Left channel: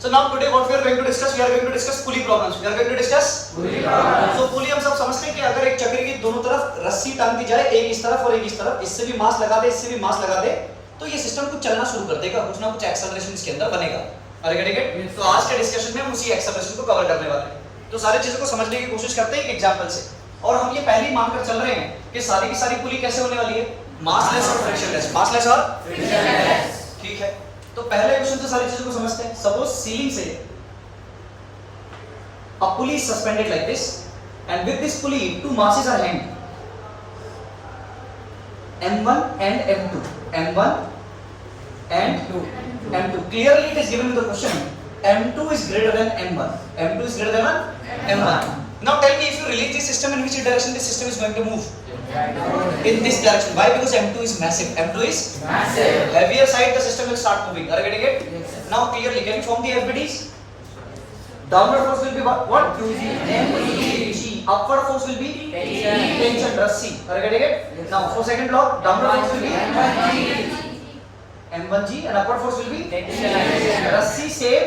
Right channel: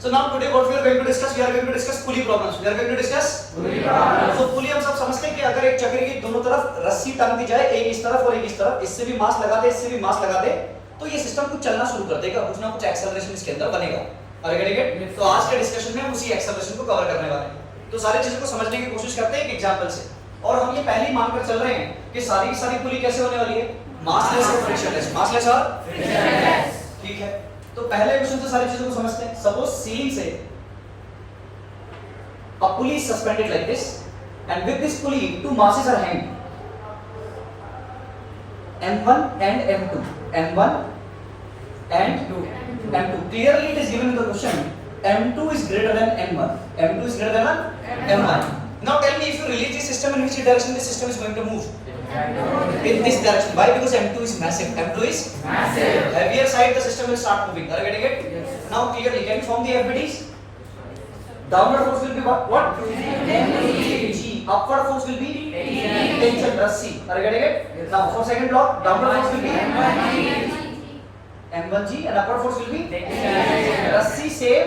So now today what we are going to discuss? We are going to discuss pulley problems. We are going to discuss pulley problems. So pulley हम सब समझते हैं कि अगर एक चक्र की दोनों तरफ रस्सी टांग दी जाए, एक इस तरफ और एक इस तरफ, इससे भी मास लगा दे, इससे भी मास लगा दे, तो ये सिस्टम कुछ चलना शुरू कर देगा, कुछ ना कुछ एक्सेलरेशन इसके अंदर बनेगा। अरे ठीक है? तो आज के डिस्कशन में हम उसी एक्सेलरेशन को कवर करने वाले हैं। तो सारी चीजों को समझने की कोशिश करते हैं एक एग्जांपल से। और हम ये पहले ही मानकर चल रहे हैं कि सारी की सारी पुली कैसे होने वाली है? मासलेस और फ्रिक्शनलेस। मासलेस और फ्रिक्शनलेस। ठीक है। तो पहले क्वेश्चन से सारी चीजों को समझते हैं। सपोज सीलिंग से a pulley is suspended like this, and with this pulley two masses are hanging, M1 and M2. M1 and M2. Clearly it is given in the question, M2 is greater than M1. M2 is greater than M1. Now tell me, if you release this system, in which direction this system is going to move? In this direction. Why? Because M2 is massive. M2 is massive. Heavier side, the system will start moving. Are you getting it? Yes. Now clearly, can you form the FBDs? Downward force will be what? G. Upward force will be tension, Rassi. Are you getting it? Yes. Now for second block, downward force will be M1G and upward force will be Rassi same.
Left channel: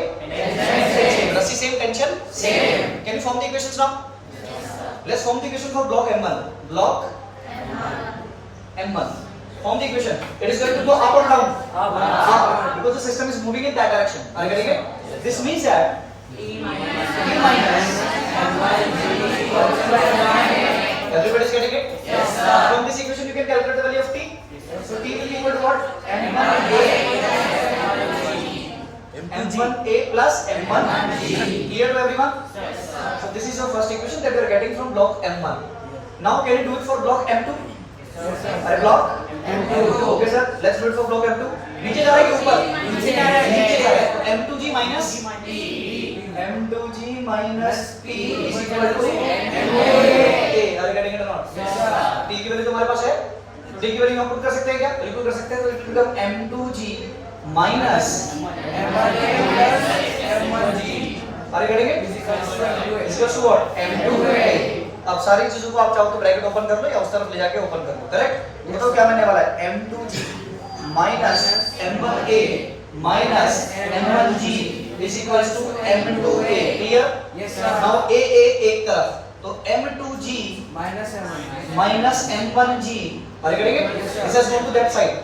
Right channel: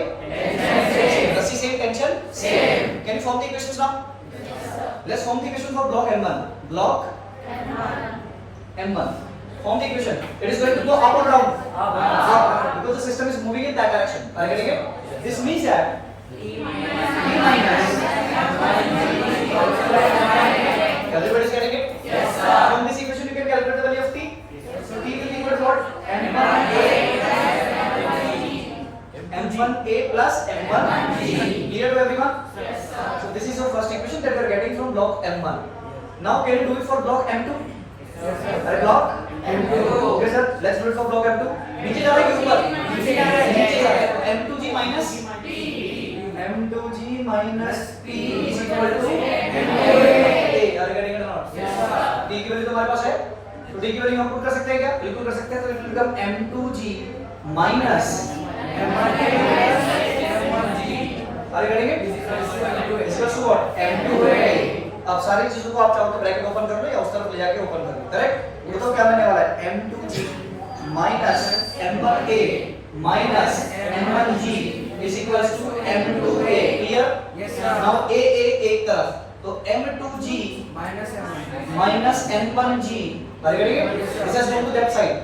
Rassi same, tension same. Can you form the equations now? Let's form the equation for block M1. Block M1. Form the equation. It is going to go up or down? Up. Because the system is moving in that direction. Are you getting it? This means that E minus everybody is getting it? Yes, sir. From this equation you can calculate the value of T. So T will be equal to what? M1A plus M1G. Clear to everyone? Yes, sir. So this is your first equation that we are getting from block M1. Now can you do it for block M2? Yes, sir. Block M2. Okay sir. Let's do it for block M2. नीचे जा रहा है कि ऊपर? नीचे जा रहा है। M2G minus M2G minus P is equal to MA. Are you getting it or not? Yes, sir. T की वैल्यू तुम्हारे पास है, तो T की वैल्यू हम पुट कर सकते हैं क्या? बिल्कुल कर सकते हैं। तो it will become M2G minus M1A plus M1G. Are you getting it? Is equal to what? M2A. अब सारी चीजों को आप चाहो तो ब्रैकेट ओपन कर लो या उस तरफ ले जाके ओपन कर लो। करेक्ट? ये तो क्या बनने वाला है? M2G minus M1A minus M1G is equals to M2A. Clear? Yes, sir. Now A एक तरफ, तो M2G minus M1G. Are you getting it? Yes, sir. This has gone to that side.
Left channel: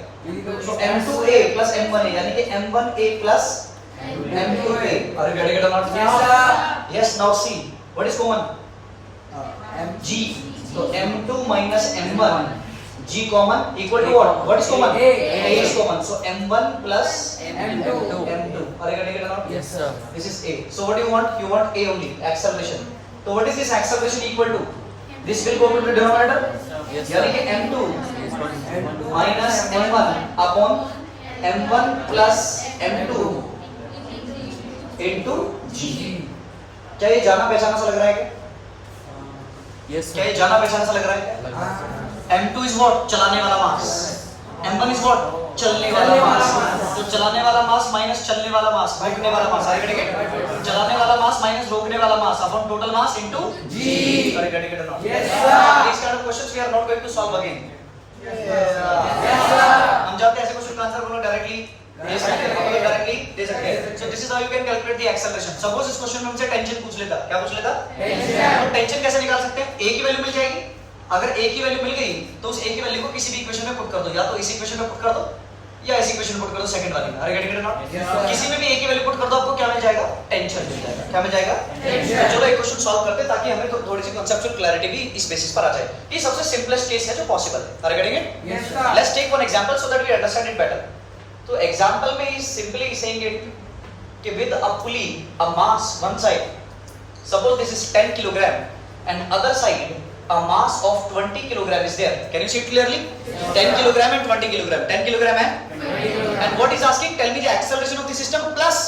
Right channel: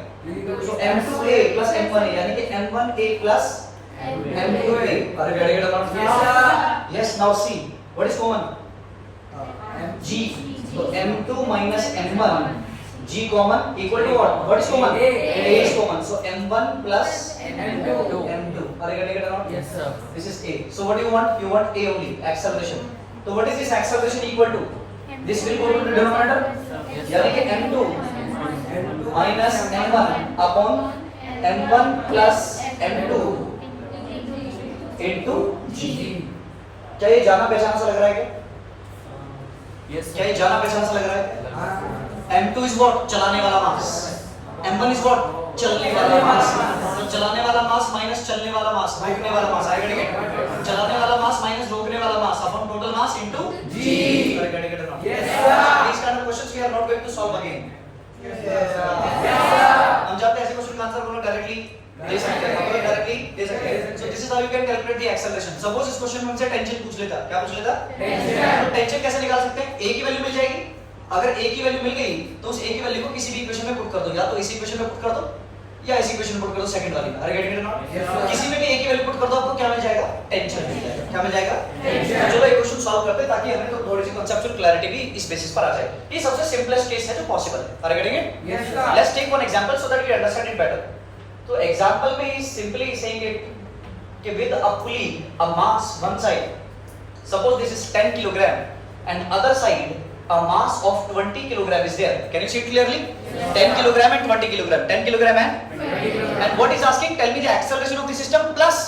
So M2A plus M1A, यानी कि M1A plus M2A. Are you getting it or not? Yes, sir. Yes. Now see, what is common? G. So M2 minus M1. G common equal to what? What is common? A is common. So M1 plus M2. Are you getting it or not? Yes, sir. This is A. So what do you want? You want A only. Acceleration. So what is this acceleration equal to? This will go into denominator. यानी कि M2 minus M1 upon M1 plus M2 into G. क्या ये जाना पहचाना सा लग रहा है क्या? Yes. क्या ये जाना पहचाना सा लग रहा है? M2 is what? चलाने वाला मास. M1 is what? चलने वाला मास. तो चलाने वाला मास माइनस चलने वाला मास, रोकने वाला मास. Are you getting it? चलाने वाला मास माइनस रोकने वाला मास upon total mass into G. Are you getting it or not? Yes, sir. These kind of questions we are not going to solve again. Yes, sir. Yes, sir. हम जानते हैं ऐसे question का answer बोलो directly दे सकते हैं, okay directly दे सकते हैं. So this is how you can calculate the acceleration. Suppose इस क्वेश्चन में हमसे टेंशन पूछ लेता, क्या पूछ लेता? टेंशन. तो टेंशन कैसे निकाल सकते हैं? A की वैल्यू मिल जाएगी. अगर A की वैल्यू मिल गई तो उस A की वैल्यू को किसी भी इक्वेशन में पुट कर दो, या तो इस इक्वेशन में पुट कर दो या इस इक्वेशन में पुट कर दो, सेकंड वाली में. अरे गेटिंग इट नॉट? किसी में भी A की वैल्यू पुट कर दो, आपको क्या मिल जाएगा? टेंशन मिल जाएगा. क्या मिल जाएगा? टेंशन. चलो एक क्वेश्चन सॉल्व करते हैं ताकि हमें थोड़ी सी कांसेप्चुअल क्लैरिटी भी इस बेसिस पर आ जाए. ये सबसे सिंपलेस्ट केस है जो पॉसिबल है. Are getting it? Yes sir. Let's take one example so that we understand it better. तो एग्जांपल में ही सिंपली सेइंग इट कि with a pulley a mass one side, suppose this is 10 kilogram and other side a mass of 20 kilogram is there. Can you see it clearly? 10 kilogram and 20 kilogram. 10 kilogram and what is asking? Tell me the acceleration of the system plus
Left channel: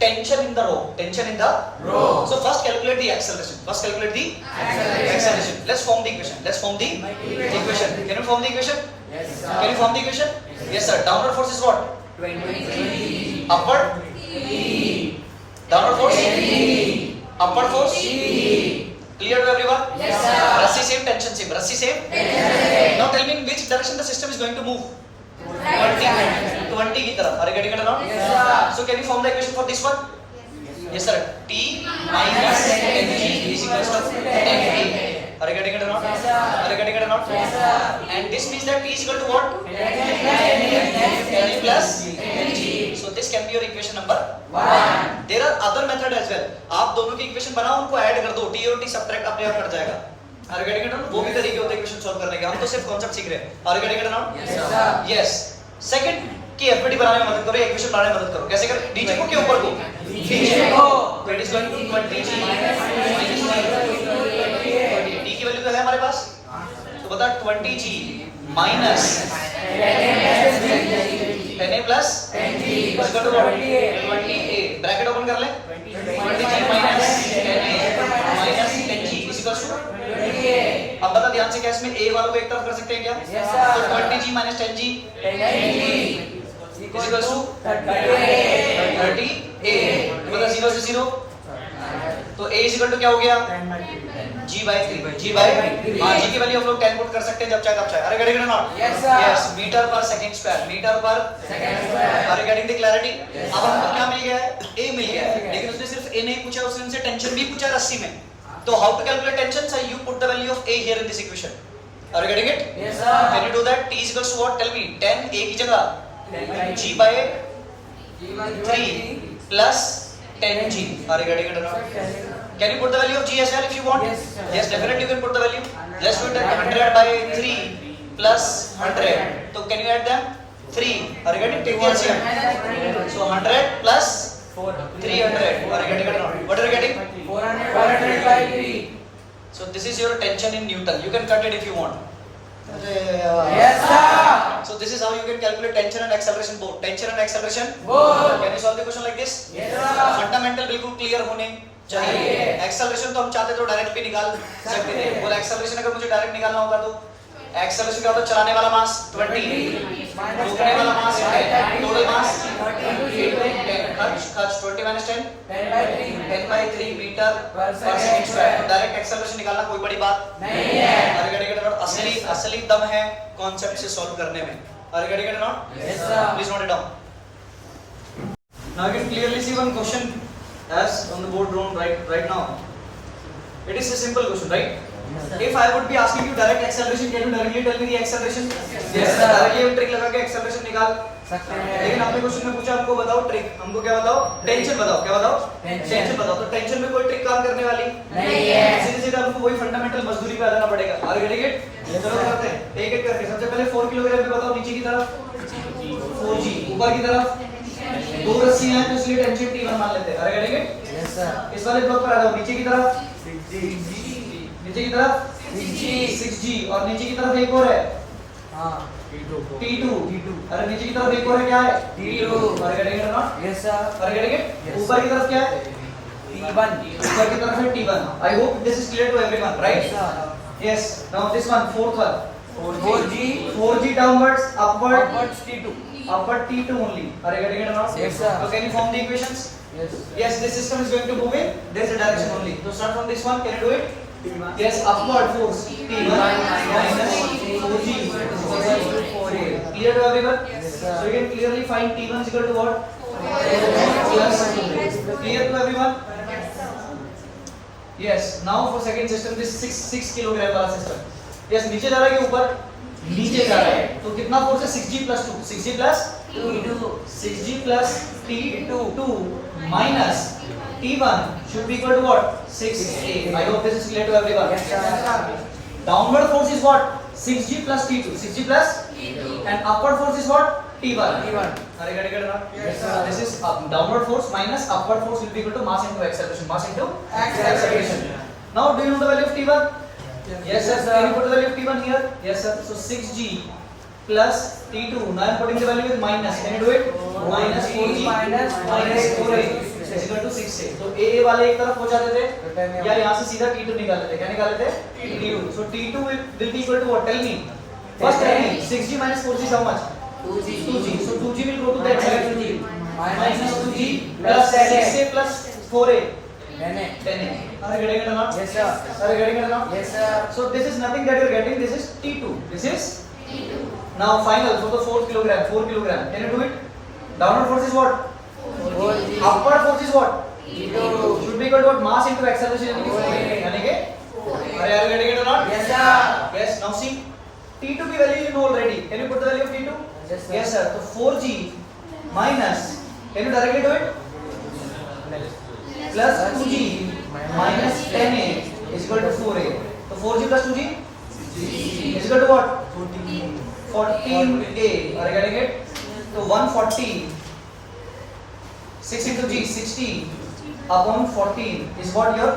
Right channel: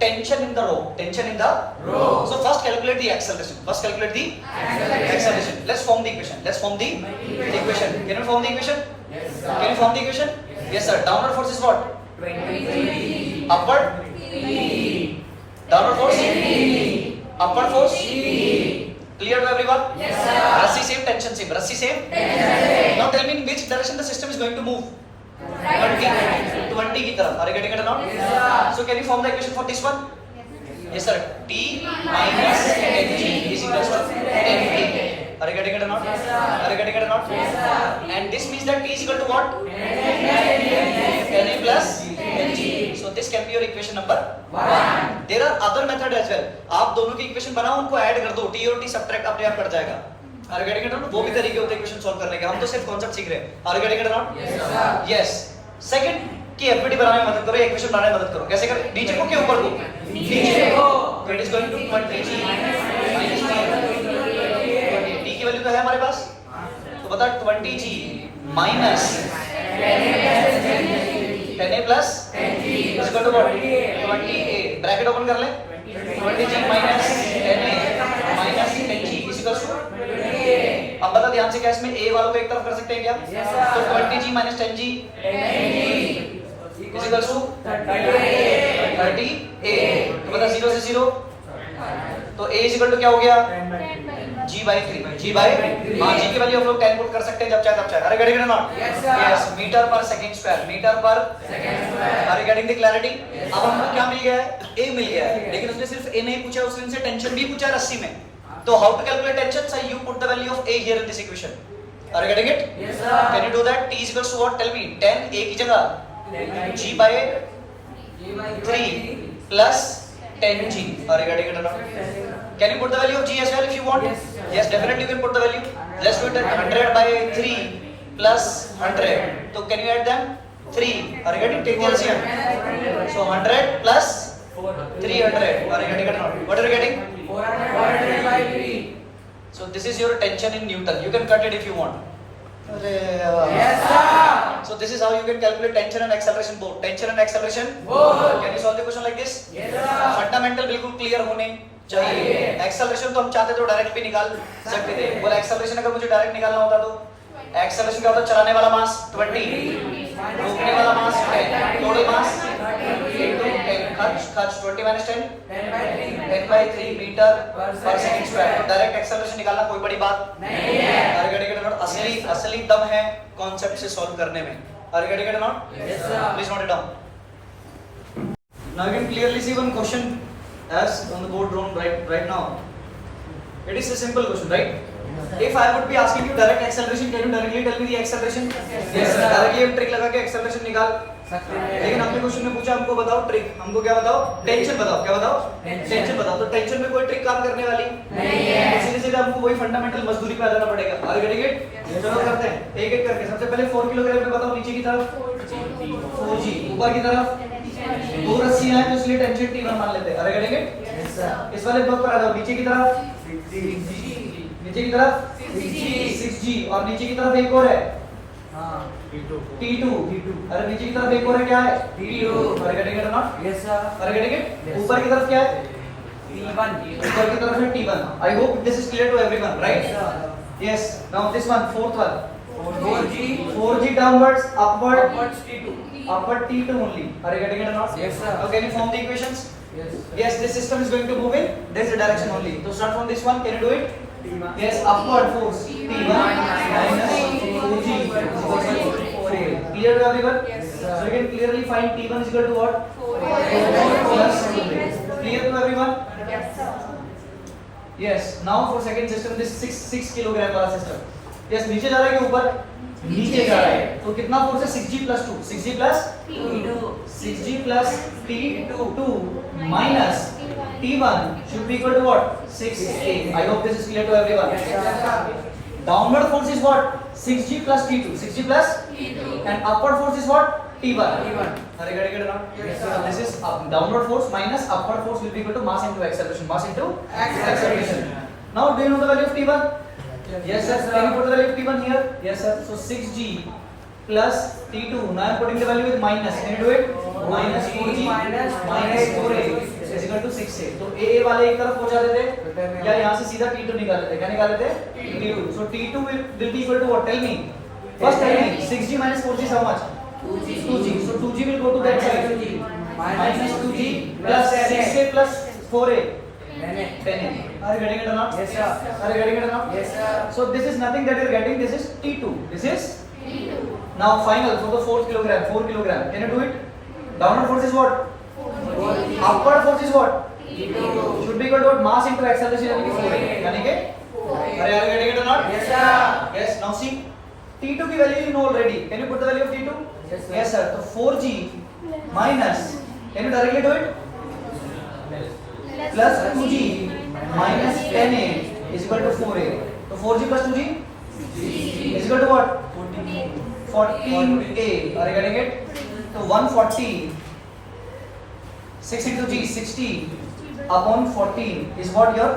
tension in the row. Tension in the row. So first calculate the acceleration. First calculate the acceleration. Let's form the equation. Let's form the equation. Can you form the equation? Yes, sir. Can you form the equation? Yes, sir. Downward force is what? 20. Upward? Downward force? Upward force? Clear to everyone? Yes, sir. Rassi same, tension same. Rassi same? Yes. Now tell me in which direction the system is going to move? 20 की तरफ. Are you getting it or not? Yes, sir. So can you form the equation for this one? Yes sir. T minus Ng is equals to 10T. Are you getting it or not? Are you getting it or not? And this means that T is equal to what? 10A plus Ng. So this can be your equation number 1. There are other method as well. आप दोनों की equation बनाओ, उनको add कर दो, T और T subtract अपने आप कर जाएगा. Are you getting it or not? वो भी तरीके होते हैं इक्वेशन सॉल्व करने के. हम तो सिर्फ कॉन्सेप्ट सीख रहे हैं. Are you getting it or not? Yes. Second कि एफपीटी बनाने में मदद करो, इक्वेशन बनाने में मदद करो. कैसे कर? नीचे को के ऊपर को? नीचे को. तो it is going to 20g minus t. t की वैल्यू तो है हमारे पास, तो बता 20g minus 10a plus is equal to what? 20a. Bracket open कर ले. 20g minus 10a minus 10g is equal to. अब बता ध्यान से, क्या इसमें a वालों को एक तरफ कर सकते हैं क्या? तो 20g minus 10g is equals to 30a. बता 0 से 0, तो a is equal to क्या हो गया? g by 3. g by हाँ, g की वैल्यू हम लोग 10 पुट कर सकते हैं जब चाहे तब चाहे. Are getting it not? Yes. Metre per second square, metre per are getting the clarity. अब हमको क्या मिल गया है? a मिल गया है, लेकिन उसने सिर्फ a नहीं पूछा, उसने हमसे टेंशन भी पूछा रस्सी में. तो how to calculate tension? So you put the value of a here in this equation. Are you getting it? Yes sir. Can you do that? T is equals to what? Tell me. 10 a की जगह g by 3 plus 10g. Are you getting it or not? Can you put the value of g as well if you want? Yes, definitely you can put the value. Let's do it at 100 by 3 plus 100. So can you add them? 3. Are you getting? Take the LCM. So 100 plus 300. Are you getting it or not? What are you getting? 400 by 3. So this is your tension in Newton. You can cut it if you want. Yes sir. So this is how you can calculate tension and acceleration both. Tension and acceleration both. Can you solve the question like this? Yes sir. Fundamental बिल्कुल clear होने चाहिए. Acceleration तो हम चाहते तो direct भी निकाल सकते थे. बोला एक्सेलरेशन अगर मुझे डायरेक्ट निकालना होता तो एक्सेलरेशन क्या होता? चलाने वाला मास 20, रोकने वाला मास 10, टोटल मास 10, खर्च 20 minus 10 10 by 3 metre per second square. तो डायरेक्ट एक्सेलरेशन निकालना कोई बड़ी बात नहीं है. Are getting it not? असली दम है कॉन्सेप्ट से सॉल्व करने में. अरे getting it not? Yes sir. Please note it down. Now you can clearly see one question as on the board drawn right now. It is a simple question, right? If I would be asking you direct acceleration, can you directly tell me the acceleration? Yes sir. Directly हम trick लगा के acceleration निकाल सकते हैं. लेकिन आपने question में पूछा हमको बताओ ट्रिक. हमको क्या बताओ? टेंशन बताओ. क्या बताओ? टेंशन बताओ. तो टेंशन में कोई ट्रिक काम करने वाली नहीं है. सीधे सीधे हमको वही फंडामेंटल मजदूरी पे आ जाना पड़ेगा. Are getting it? चलो करते हैं एक एक करके. सबसे पहले 4 किलोग्राम पे बताओ. नीचे की तरफ 4g, ऊपर की तरफ 2 रस्सियां हैं तो इसलिए टेंशन T1 मान लेते हैं. Are getting it? Yes sir. इस वाले ब्लॉक पर आ जाओ. नीचे की तरफ 6g और नीचे की तरफ एक और है T2. अरे नीचे की तरफ एक और है, क्या है? T2. अरे गेटिंग इट और not? Yes sir. Are getting it? ऊपर की तरफ क्या है? T1. ऊपर की तरफ है T1. I hope this is clear to everyone, right? Yes. Now this one, fourth one. 4g downwards, upwards T2. upward T2 only. Are you getting it or not? Yes sir. Now can you form the equations? Yes. Yes, this system is going to move in this direction only. So start from this one. Can you do it? Yes, upward force T1 minus 4g is equal to 4a. Clear to everyone? Yes So sir. you can clearly find T1 is equal to what? 4g plus 4a. Clear to everyone? Yes. Now for second system, this 6 kilogram वाला system. Yes, नीचे जा रहा है कि ऊपर? नीचे जा रहा है. तो कितना फोर्स है? 6g plus 2. 6g plus T2. 6g plus T2 minus T1 should be equal to what? 6a. I hope this is clear to everyone. Yes sir. Downward force is what? 6g plus T2. 6g plus and upward force is what? T1. Are you getting it or not? Yes, sir. So this is downward force minus upward force will be equal to mass into acceleration. Mass into acceleration. Now do you know the value of T1? Yes sir. Can you put the value of T1 here? Yes sir. So 6g plus T2. Now I am putting the value with minus. Can you do it? Minus 4g minus 4a is equal to 6a. तो a वाले एक तरफ हो जाते थे या यहाँ से सीधा T2 निकाल लेते. क्या निकाल लेते? T2. So T2 will be equal to what? Tell me. First tell me. 6g minus 4g is how much? 2g. So 2g will go to that side. Minus 2g plus 6a plus 4a. 10a. Are you getting it or not? Yes sir. Are you getting it or not? Yes sir. So this is nothing that you are getting. This is T2. This is T2. Now final for the 4 kilogram. 4 kilogram. Can you do it? Downward force is what? 4g. Upward force is what? should be equal to what? Mass into acceleration यानी कि 4a यानी कि अरे are you getting it or not? Yes, sir. Yes. Now see T2 की value you know already. Can you put the value of T2? Yes, sir. Yes sir. तो 4g minus, can you directly do it? Plus 2g minus 10a is equal to 4a. तो 4g plus 2g is equal to what? 14a. Are you getting it? तो 140 6 into g 60 upon 14 is what your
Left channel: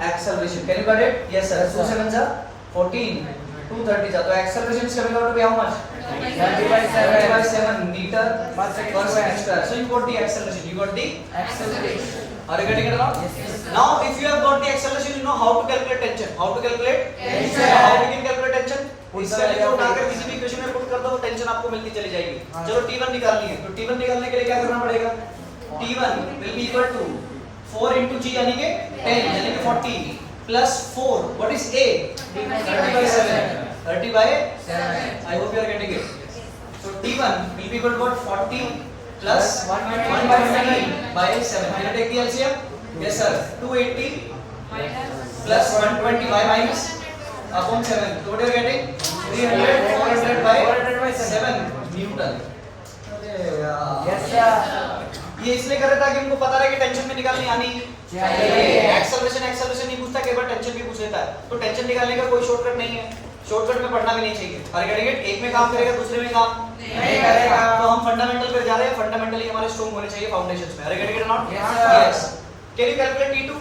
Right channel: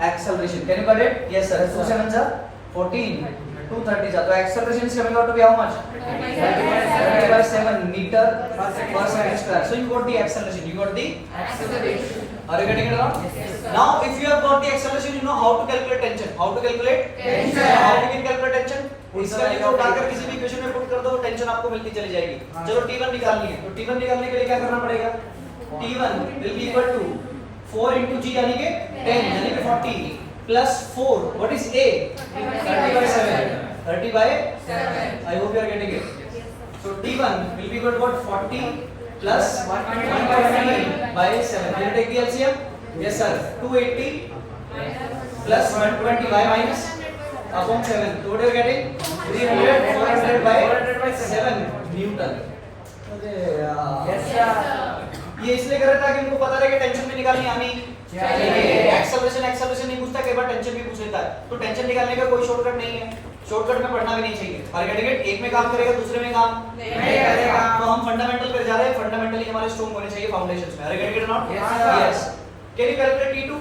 acceleration. Can you get it? Yes sir. 2 7s are 14. 230 जा तो acceleration is coming out to be how much? 30 by 7 meter per second square. So you got the acceleration. You got the Acceleration. Are you getting it or not? Yes, sir. Now if you have got the acceleration, you know how to calculate tension. How to calculate? Tension. How we can calculate tension? इस value को उठाकर किसी भी equation में put कर दो, tension आपको मिलती चली जाएगी. चलो T1 निकालनी है. तो T1 निकालने के लिए क्या करना पड़ेगा? T1 will be equal to 4 into g यानी कि 10 यानी कि 40 plus 4. What is A? 30 by 7. 30 by 7. I hope you are getting it. So T1 will be equal to what? 40 plus 120 by 7. Can you take the LCM? Yes sir. 280 plus 120 by minus upon 7. So what are you getting? 300 400 by 7 Newton. Yes, sir. ये इसलिए कर रहा था कि उनको पता रहे कि टेंशन में निकालनी आनी चाहिए. एक्सेलरेशन नहीं पूछता, कई बार टेंशन भी पूछ लेता है. तो टेंशन निकालने का कोई शॉर्टकट नहीं है. शॉर्टकट में पढ़ना भी नहीं चाहिए. और कैटेगरी एक में काम करेगा, दूसरे में काम नहीं करेगा. तो हम फंडामेंटल पे जा रहे हैं. फंडामेंटली हमारे स्ट्रांग होने चाहिए फाउंडेशंस में. Category not? Yes. Can you calculate T2?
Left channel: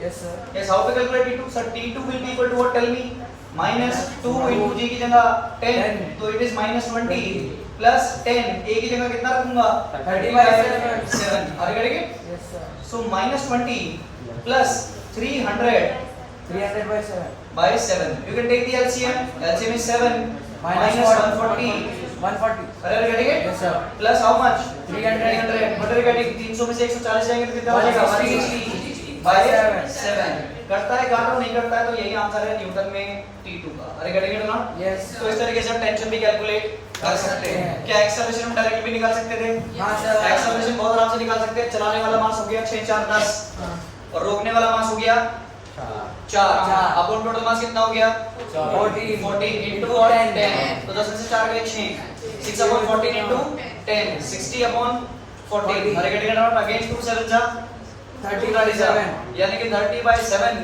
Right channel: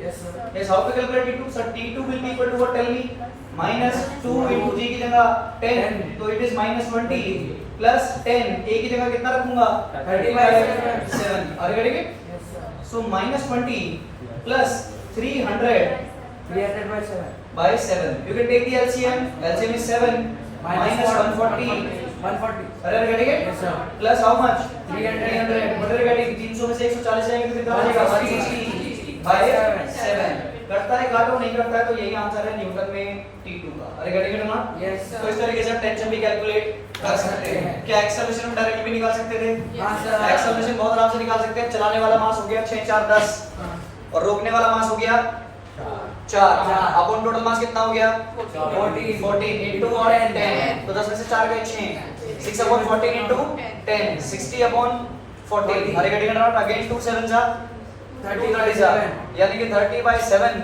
Yes, sir. Yes, how to calculate T2? Sir, T2 will be equal to what? Tell me. Minus 2 into g की जगह 10, तो it is minus 20 plus 10. A की जगह कितना रखूंगा? 30 by 7. Are you getting it? Yes, sir. So minus 20 plus 300 300 by 7. by 7. You can take the LCM. LCM is 7 minus 140. 140. Are you getting it? Yes, sir. Plus how much? 300. What are you getting? 300 में से 140 जाएंगे तो कितना बचेगा? 160 by 7. करता है काटो, नहीं करता है तो यही आंसर है न्यूटन में T2 का. अरे गेटिंग इट ना? Yes, sir. तो इस तरीके से आप टेंशन भी कैलकुलेट कर सकते हैं. क्या एक्सेलरेशन में डायरेक्टली भी निकाल सकते थे? हाँ, sir. एक्सेलरेशन बहुत आराम से निकाल सकते हैं. चलाने वाला मास हो गया 6 4 10 और रोकने वाला मास हो गया 4. अपन टोटल मास कितना हो गया? 14 into और 10. तो 10 में से 4 गए 6. 6 upon 14 into 10. 60 upon 14. अरे गेटिंग इट ना? अगेन 2 7 जा 30 यानी कि 30 by 7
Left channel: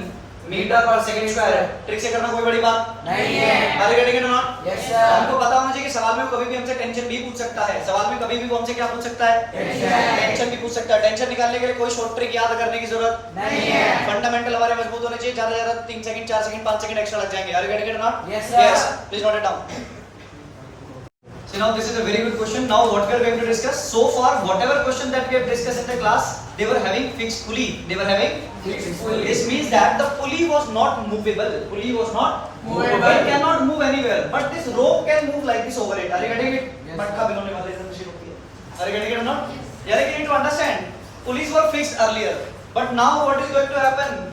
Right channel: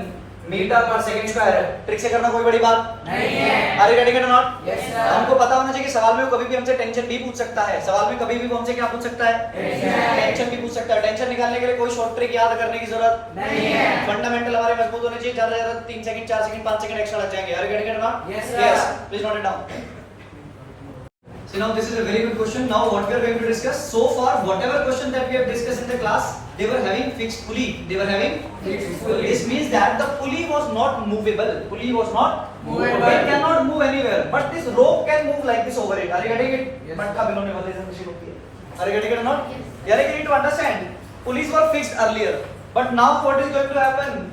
metre per second square. Trick से करना कोई बड़ी बात नहीं है. Are getting it not? Yes, sir. हमको पता होना चाहिए कि सवाल में कभी भी हमसे टेंशन भी पूछ सकता है. सवाल में कभी भी वो हमसे क्या पूछ सकता है? टेंशन भी पूछ सकता है. टेंशन निकालने के लिए कोई शॉर्ट ट्रिक याद करने की जरूरत नहीं है. फंडामेंटल हमारे मजबूत होने चाहिए. ज्यादा ज्यादा 3 सेकंड 4 सेकंड 5 सेकंड एक्स्ट्रा लग जाएंगे. अरे getting it not? Yes, sir. Yes. Please note it down. So now this is a very good question. Now what we are going to discuss. So far whatever question that we have discussed in the class, they were having fixed pulley. They were having Fixed pulley. This means that the pulley was not movable. Pulley was not Movable. It cannot move anywhere. But this rope can move like this over it. Are you getting it? Yes. मटका भिगोने वाले जैसे machine होती है. Are you getting it or not? यानी कि you need to understand. Pulleys were fixed earlier. But now what is going to happen?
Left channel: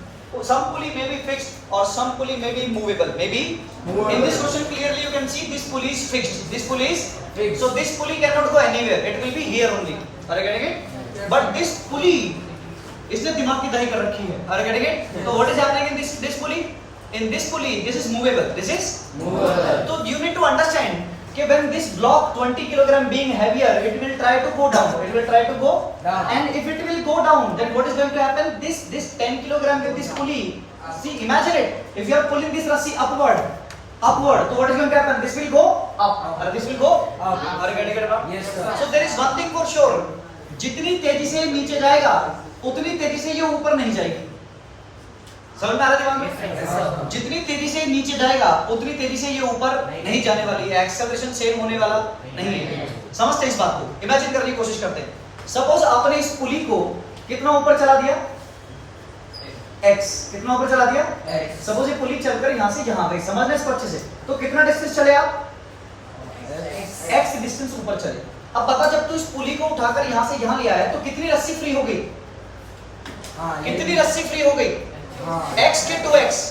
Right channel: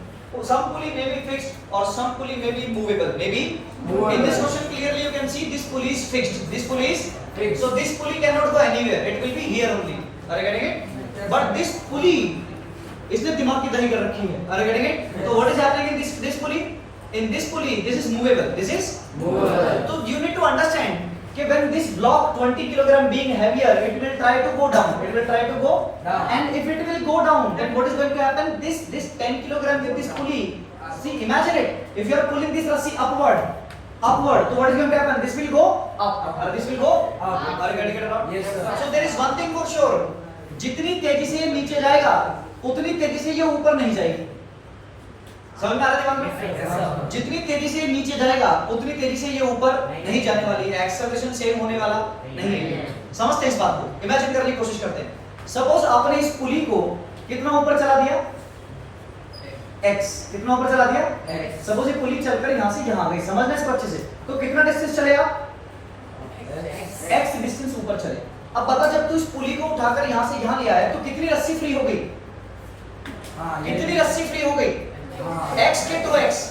Some pulley may be fixed or some pulley may be movable. Maybe Movable. in this question clearly you can see this pulley is fixed. This pulley is Fixed. So this pulley cannot go anywhere. It will be here only. Are you getting it? But this pulley इसने दिमाग की दही कर रखी है. Are you getting it? So what is happening in this pulley? In this pulley, this is movable. This is Movable. So you need to understand कि when this block 20 kilogram being heavier, it will try to go down. It will try to go Down. and if it will go down, then what is going to happen? This 10 kilogram with this pulley. See, imagine it. If you are pulling this rassi upward, so what is going to happen? This will go up. Or this will go Up. Are you getting it now? Yes, sir. So there is one thing for sure. जितनी तेजी से नीचे जाएगा, उतनी तेजी से ये ऊपर नहीं जाएगी. समझ में आ रहा है दिमाग में? जितनी तेजी से नीचे जाएगा, उतनी तेजी से ये ऊपर नहीं जाने वाली है. एक्सेलरेशन सेम होने वाला नहीं है. समझते हैं इस बात को? इमेजिन करने की कोशिश करते हैं. सपोज आपने इस पुली को कितना ऊपर चला दिया? x. कितना ऊपर चला दिया? X. सपोज ये पुली चलकर यहाँ से यहाँ गई. समझना इसको अच्छे से. तो कितना डिस्टेंस चले आप? x डिस्टेंस ऊपर चले. अब बता, जब तू इस पुली को उठाकर यहाँ से यहाँ ले आया तो कितनी रस्सी फ्री हो गई? कितनी रस्सी फ्री हो गई? x के 2x.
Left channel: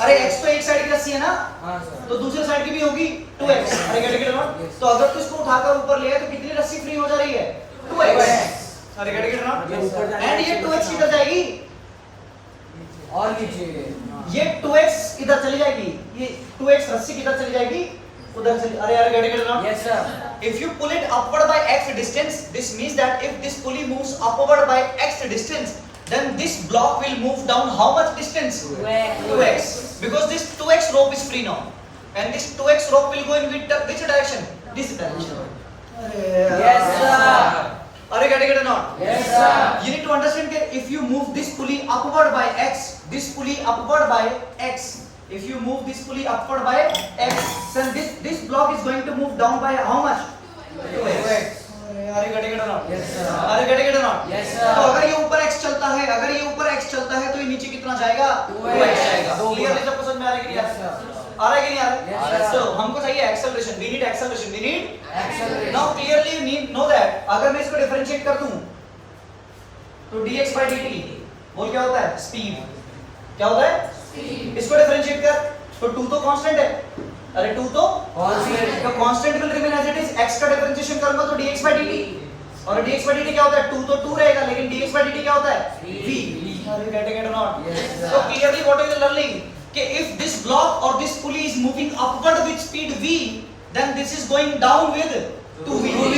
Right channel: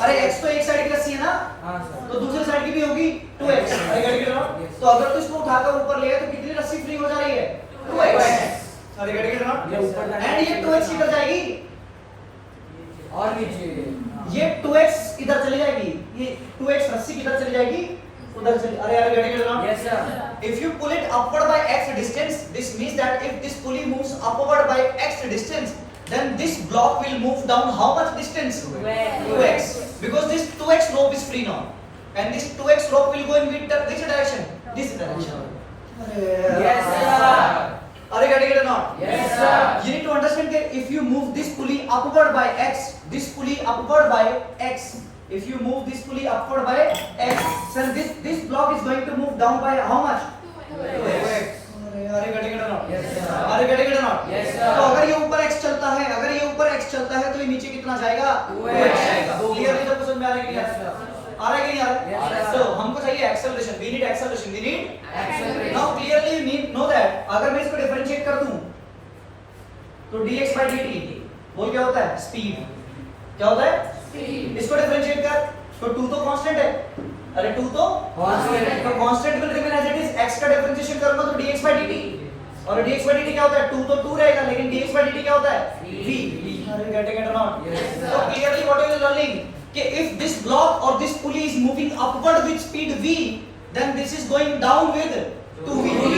अरे x तो एक साइड की रस्सी है ना, तो दूसरे साइड की भी होगी 2x. अरे गेट इट नॉट? तो अगर तू इसको उठाकर ऊपर ले आए तो कितनी रस्सी फ्री हो जा रही है? 2x. अरे गेट इट नॉट? ये ऊपर जाएगा। एंड ये 2x किधर जाएगी? और नीचे ये 2x इधर चली जाएगी, ये 2x रस्सी किधर चली जाएगी? उधर चली। अरे यार gate it not? Yes sir If you pull it upward by x distance, this means that if this pulley moves upward by x distance, then this block will move down how much distance? 2x. Because this 2x rope is free now, and this 2x rope will go in which direction? This direction. Yes sir Are you getting it or not? Yes sir You need to understand that if you move this pulley upward by x, this pulley upward by x, if you move this pulley upward by x, then this block is going to move down by how much? 2x. Are you getting it or not? Yes sir Are you getting it or not? Yes, sir. तो अगर ये ऊपर x चलता है, अगर ये ऊपर x चलता है तो ये नीचे कितना जाएगा? 2x जाएगा. क्लियर है? सबको समझ में आ रहा है कि नहीं आ Yes, रहा? sir. आ रहा है कि नहीं आ रहा? Yes, sir. तो हमको चाहिए acceleration. We need acceleration. We need accelerate now clearly you need know that अगर मैं इसको डिफरेंशिएट कर दूं तो dx by dt बोल क्या होता है? स्पीड. क्या होता है? स्पीड. इसको डिफरेंशिएट कर तो 2 तो कांस्टेंट है. अरे 2 तो कांस्टेंट तो constant will remain as it is. x का डिफरेंशिएशन करूंगा तो dx by dt और dx by dt क्या होता है? 2 तो 2 रहेगा लेकिन dx by dt क्या होता है? v. Are you getting it or not? Yes, sir. So clearly what are you learning? कि if this block or this pulley is moving upward with speed v, then this is going down with 2v.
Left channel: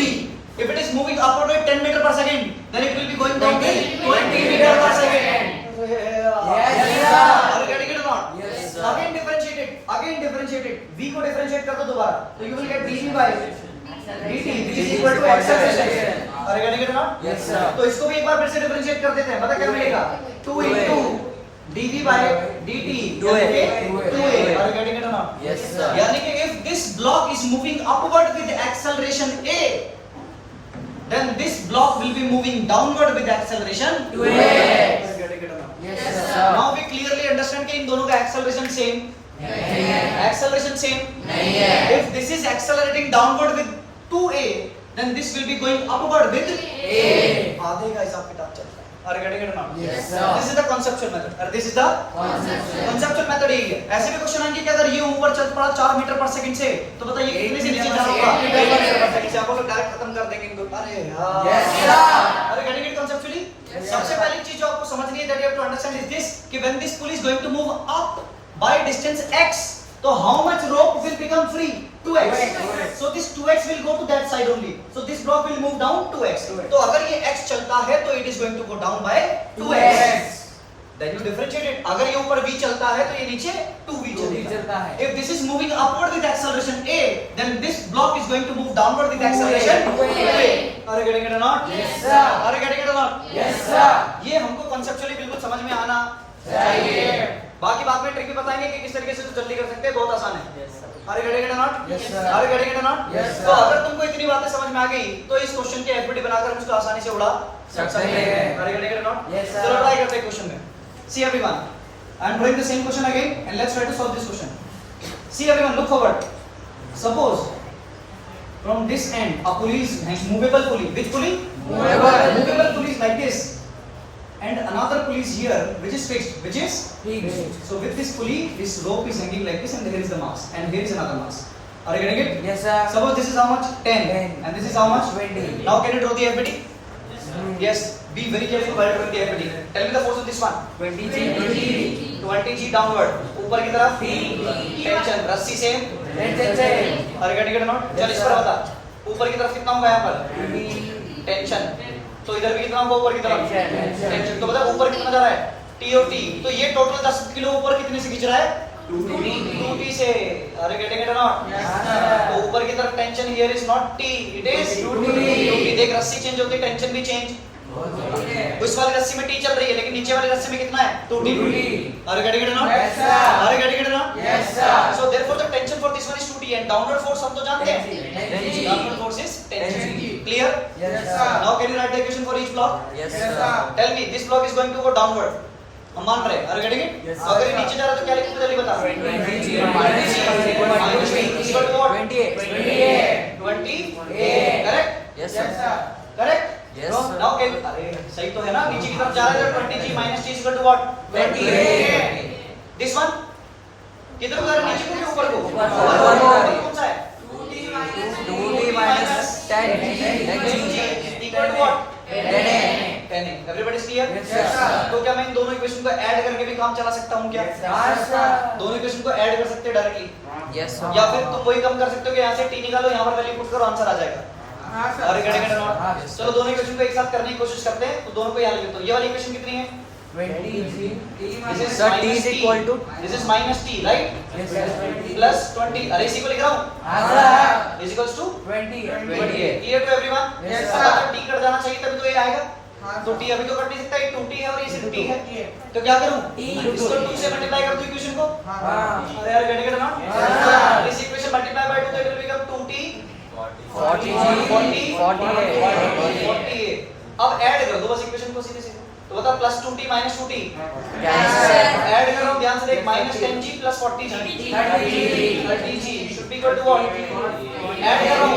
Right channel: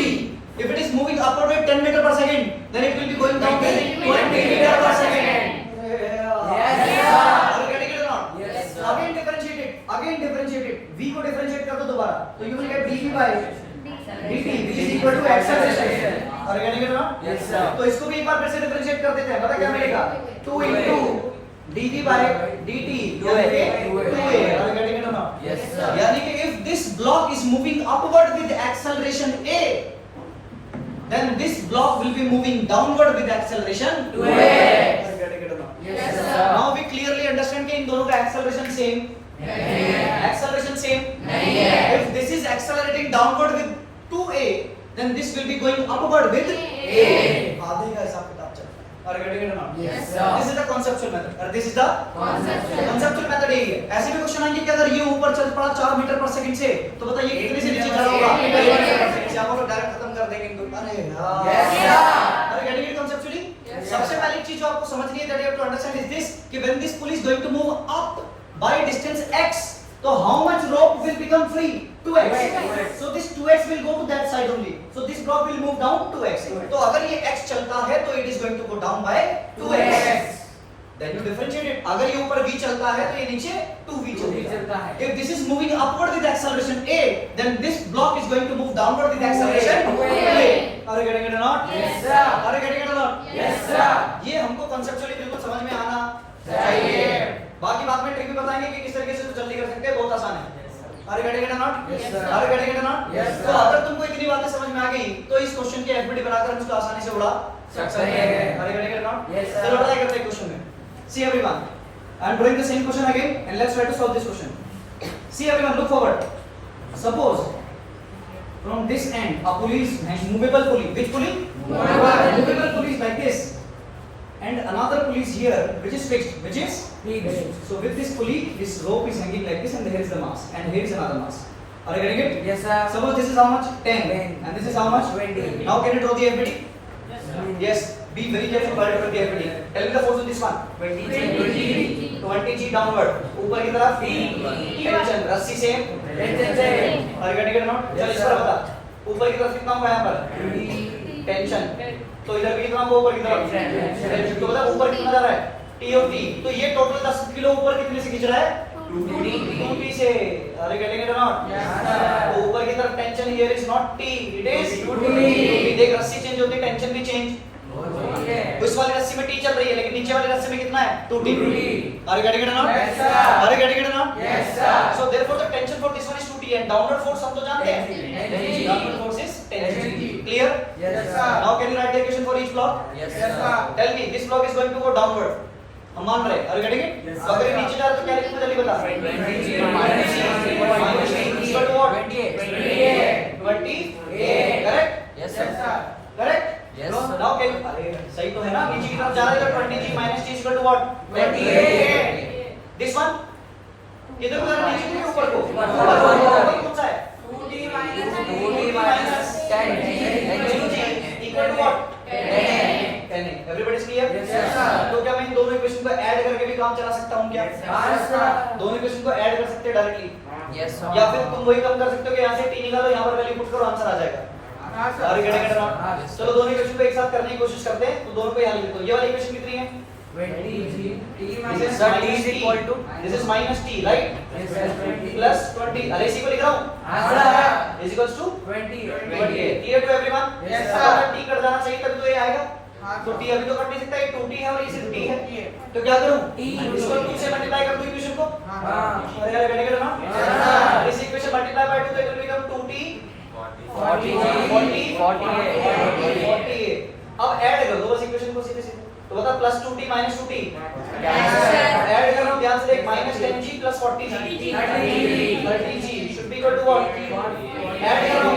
If it is moving upward with 10 meter per second, then it will be going down with 20 meter per second. Yes, sir. Are you getting it or not? Yes, sir. Again differentiate it. Again differentiate it. v को differentiate कर दो दोबारा. तो you will get dv by dt which is equal to acceleration. Are you getting it or not? Yes, sir. तो इसको भी एक बार फिर से डिफरेंशिएट कर देते हैं. पता क्या मिलेगा? 2 into dv by dt यानी कि 2a. Are you getting it or not? Yes sir यानी कि if this block is moving upward with acceleration a, then this block will be moving downward with acceleration 2a. Are you getting it or not? Yes sir Now we clearly understand कि इन दोनों का acceleration same. नहीं है Acceleration same. नहीं है If this is accelerating downward with 2a, then this will be going upward with a. आधे का हिसाब किताब चल रहा है. Are you getting it or not? Yes, sir. This is the conceptual method. और this is the concept conceptual method यही है. ऐसे भी क्वेश्चन आएंगे कि अगर ये ऊपर चल पड़ा 4 मीटर पर सेकंड से, तो बताइए कितने से नीचे जाना होगा? 1 मीटर पर सेकंड से. आप अगर डायरेक्ट खत्म कर देंगे इन दो. अरे यार. Yes, sir. Are you getting it conceptually? Yes, sir. सबसे पहली चीज जो आपको समझनी है that you have to understand is this कि when this pulley is going to move up by distance x, तो how much rope will become free? 2x. So this 2x will go to that side only. So this block will move down 2x. तो अगर ये x चलता है तो it is going to go down by 2x. Then you differentiate it. अगर ये ऊपर v चलता है तो ये नीचे 2v चलता है. If this is moving upward with acceleration a, then this block is going to move downward with acceleration 2a. Are you getting it or not? Yes, sir. Are you getting it or not? Yes, sir. ये हमको conceptually बिल्कुल समझ में आना चाहिए. बाकी बाद में ट्रिक भी बताएंगे कि किस तरीके से तो जल्दी कर सकते हैं. बहुत आसान है. Are you getting it or not? Yes, sir. Are you getting it or not? Yes, sir. तो अगर तुमको इतनी बातें समझ में आ गई तो इस क्वेश्चन की एफबीडी बनाकर हम उसको आसानी से उड़ा सकते हैं. Are you getting it or not? Yes, sir. चलो ट्राई करते हैं क्वेश्चन में. See everyone, I am drawing the same question again and let's try to solve this question. See everyone, look forward. Suppose from this end a pulley is movable pulley. Which pulley? Movable pulley is like this. And another pulley is here which is fixed, which is so with this pulley this rope is hanging like this and here is the mass and here is another mass. Are you getting it? Yes, sir. Suppose this is how much? 10 10. and this is how much? 20. Now can you draw the FBD? Yes, be very careful while drawing the FBD. Tell me the force of this one. 20 G downward. ऊपर की तरफ tension रस्सी से tension से. Are you getting it or not? चल इस पर बता. ऊपर की तरफ कितना होगा यहाँ पर? टेंशन. तो इधर भी कितना होगा ऊपर की तरफ? टेंशन. तो बता ऊपर कितना जा रहा है? T और T. तो ये टोटल 10 किलो ऊपर कितने से खींच रहा है? 2T से. Are you getting it or not? Yes, sir. तो ऊपर की तरफ tension here is not T, it is 2T. देख रस्सी चेंज होती है, टेंशन भी चेंज. उस वाली रस्सी में T चल रही है लेकिन नीचे वाली रस्सी में कितना है? 2T. 2T. Are you getting it or not? Yes, sir. Are you getting it or not? Yes, sir. So therefore the tension for this one is 2T and downward force हम तो जानते हैं. Tension. Downward force is tension. Tension. Clear? Yes, sir. Now can you write the equation for each block? Yes, sir. Tell me this block is going to go downward. हम मान रहे हैं. Are you getting it? Yes, sir. अगर ये नीचे जा रहा है तो क्या लिखेंगे जल्दी बता. Minus T is equal to what? 20. Correct? Yes, sir. Correct? Yes. Now can अरे सही तो है ना. नीचे की तरफ जा रहा है तो 20G minus T is equal to what? 28. This one किधर को जा रहा है? नीचे को या ऊपर को? ऊपर को. ऊपर कौन सा है? 2T minus 10G equal to what? 10. Everybody is clear? Yes, sir. तो क्या मैं इन दोनों इक्वेशन को ऐड करके भी काम चला सकता हूँ क्या? Yes, sir. दोनों इक्वेशन को ऐड कर सकते हैं डायरेक्टली, Yes. या फिर तुम वही कम कर सकते हो कि यहाँ से t निकालो, यहाँ पर वैल्यू पुट करो, आंसर आ जाएगा। हाँ, sir. Are you getting it or not? हाँ, चलो दोनों इक्वेशन को एक साथ करने की कोशिश करते हैं, तो दोनों को यहाँ लिख देता हूँ। ये वाली इक्वेशन कितनी है? 20 This is Sir, t minus is t. equal to? This is minus t, right? Yes, sir. Plus 20. अरे इसी को लिख रहा हूँ। हाँ, sir. Is equals to 20 clear to everyone? Yes, अब sir. अगर t कट जाना चाहिए तभी तो ये आएगा। हाँ, तो t अभी तो कट नहीं सकता, ये 2t है और ये सिर्फ t है। तो क्या करूँ? T. इसको 2 से मल्टीप्लाई कर दूँ इक्वेशन को। हाँ. अरे यार getting it or not? Yes, sir. This equation multiply by 2 तो it will become 2t 40. अब ऐड कर दो बस इक्वेशन को सीधे सीधे। तो बता plus 2t minus 2t। Add कर रहा हूँ ध्यान से देख, minus 10g plus 40g 30g should be equal to what? Add कर रहा हूँ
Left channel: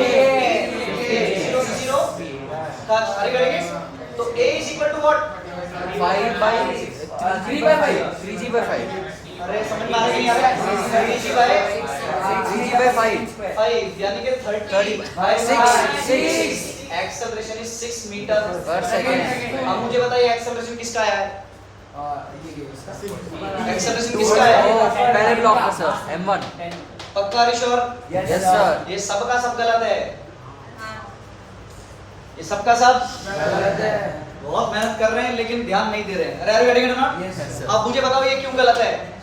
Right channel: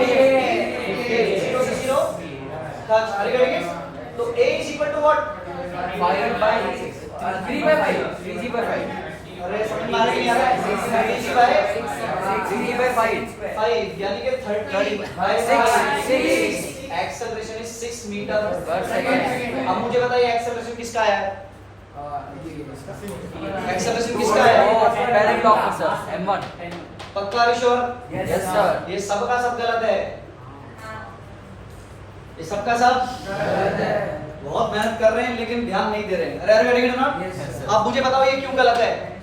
0 से 0 अरे करेंगे तो a is equal to what? 3/5 अरे समझ में आ रहा है कि नहीं आ रहा है? 3g by 5 यानी कि 30 by 6 acceleration is 6 metre per second. अब मुझे बताइए एक्सेलरेशन किसका आया है? एक्सेलरेशन किसका आया है? पहले ब्लॉक का सर m1। पक्का रिश्योर? Yes, Yes, sir. sir. ये सबका सब गलत है, ये सबका सब बहुत मेहनत कर रहे हैं लेकिन ध्यान नहीं दे रहे हैं। अरे अरे अरे नॉट। Yes, sir. अब मुझे बताओ ये क्यों गलत है?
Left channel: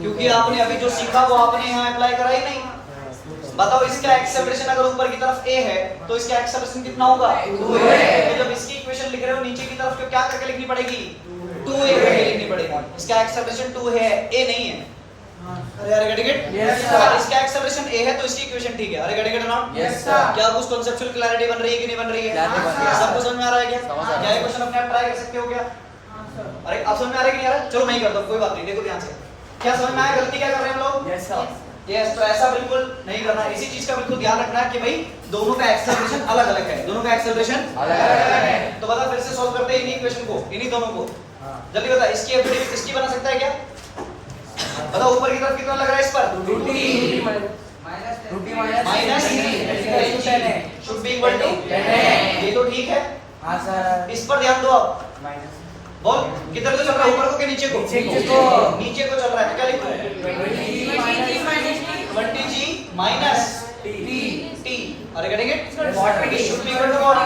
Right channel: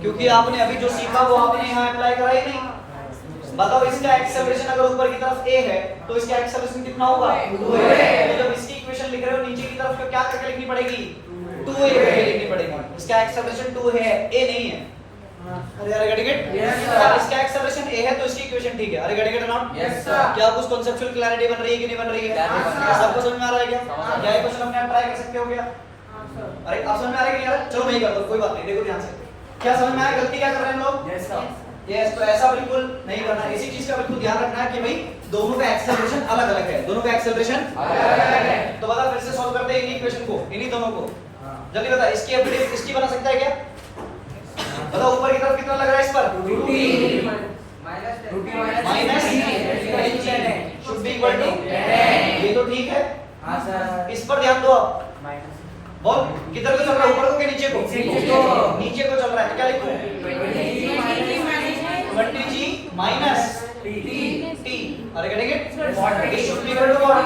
क्योंकि आपने अभी जो सीखा वो आपने यहाँ अप्लाई करा ही नहीं। बताओ इसका एक्सेलरेशन अगर ऊपर की तरफ a है तो इसका एक्सेलरेशन कितना होगा? 2a। तो जब इसकी इक्वेशन लिख रहे हो नीचे की तरफ तो क्या करके लिखनी पड़ेगी? 2a करके लिखनी पड़ेगी। इसका एक्सेलरेशन 2 है, a नहीं है। अरे अरे गेट इट? Yes, sir. अगर इसका एक्सेलरेशन a है तो इसकी इक्वेशन ठीक है। Are get it not? Yes, sir. क्या कुछ कांसेप्चुअल क्लैरिटी बन रही है कि नहीं बन रही है? हाँ, सबको समझ में आ रहा है क्या? क्या इक्वेशन अपने आप ट्राई कर सकते हो क्या? अरे अब समझ में आ रहा है कि नहीं आ रहा? चलो मैं ही करता हूँ, कोई बात नहीं। देखो ध्यान से, क्या समझ में आया गलती क्या कर रहे हैं हम लोग? Yes, sir. यस, तो ऐसा बिल्कुल नहीं करना। इसी चीज का बिल्कुल ध्यान रखना है कि भाई दोनों का एक्सेलरेशन अलग अलग है, दोनों का एक्सेलरेशन तो बता फिर से सॉल्व करते हैं इन्हीं इक्वेशन को, इन्हीं दोनों को। जल्दी बता, इसकी एफडीएफ इसकी बना सकता है क्या? बता ऊपर की तरफ कितना लग रहा है इस पर? Minus 10g should be equal to, ये तो ठीक है। हाँ, sir. इस पर ध्यान दो अब। बोल किधर को चल रहा है, ऊपर को कि नीचे को? नीचे को। नीचे को चल रहा है तो क्या लिखूं? 20g minus t। Are getting it? This should be equal to what?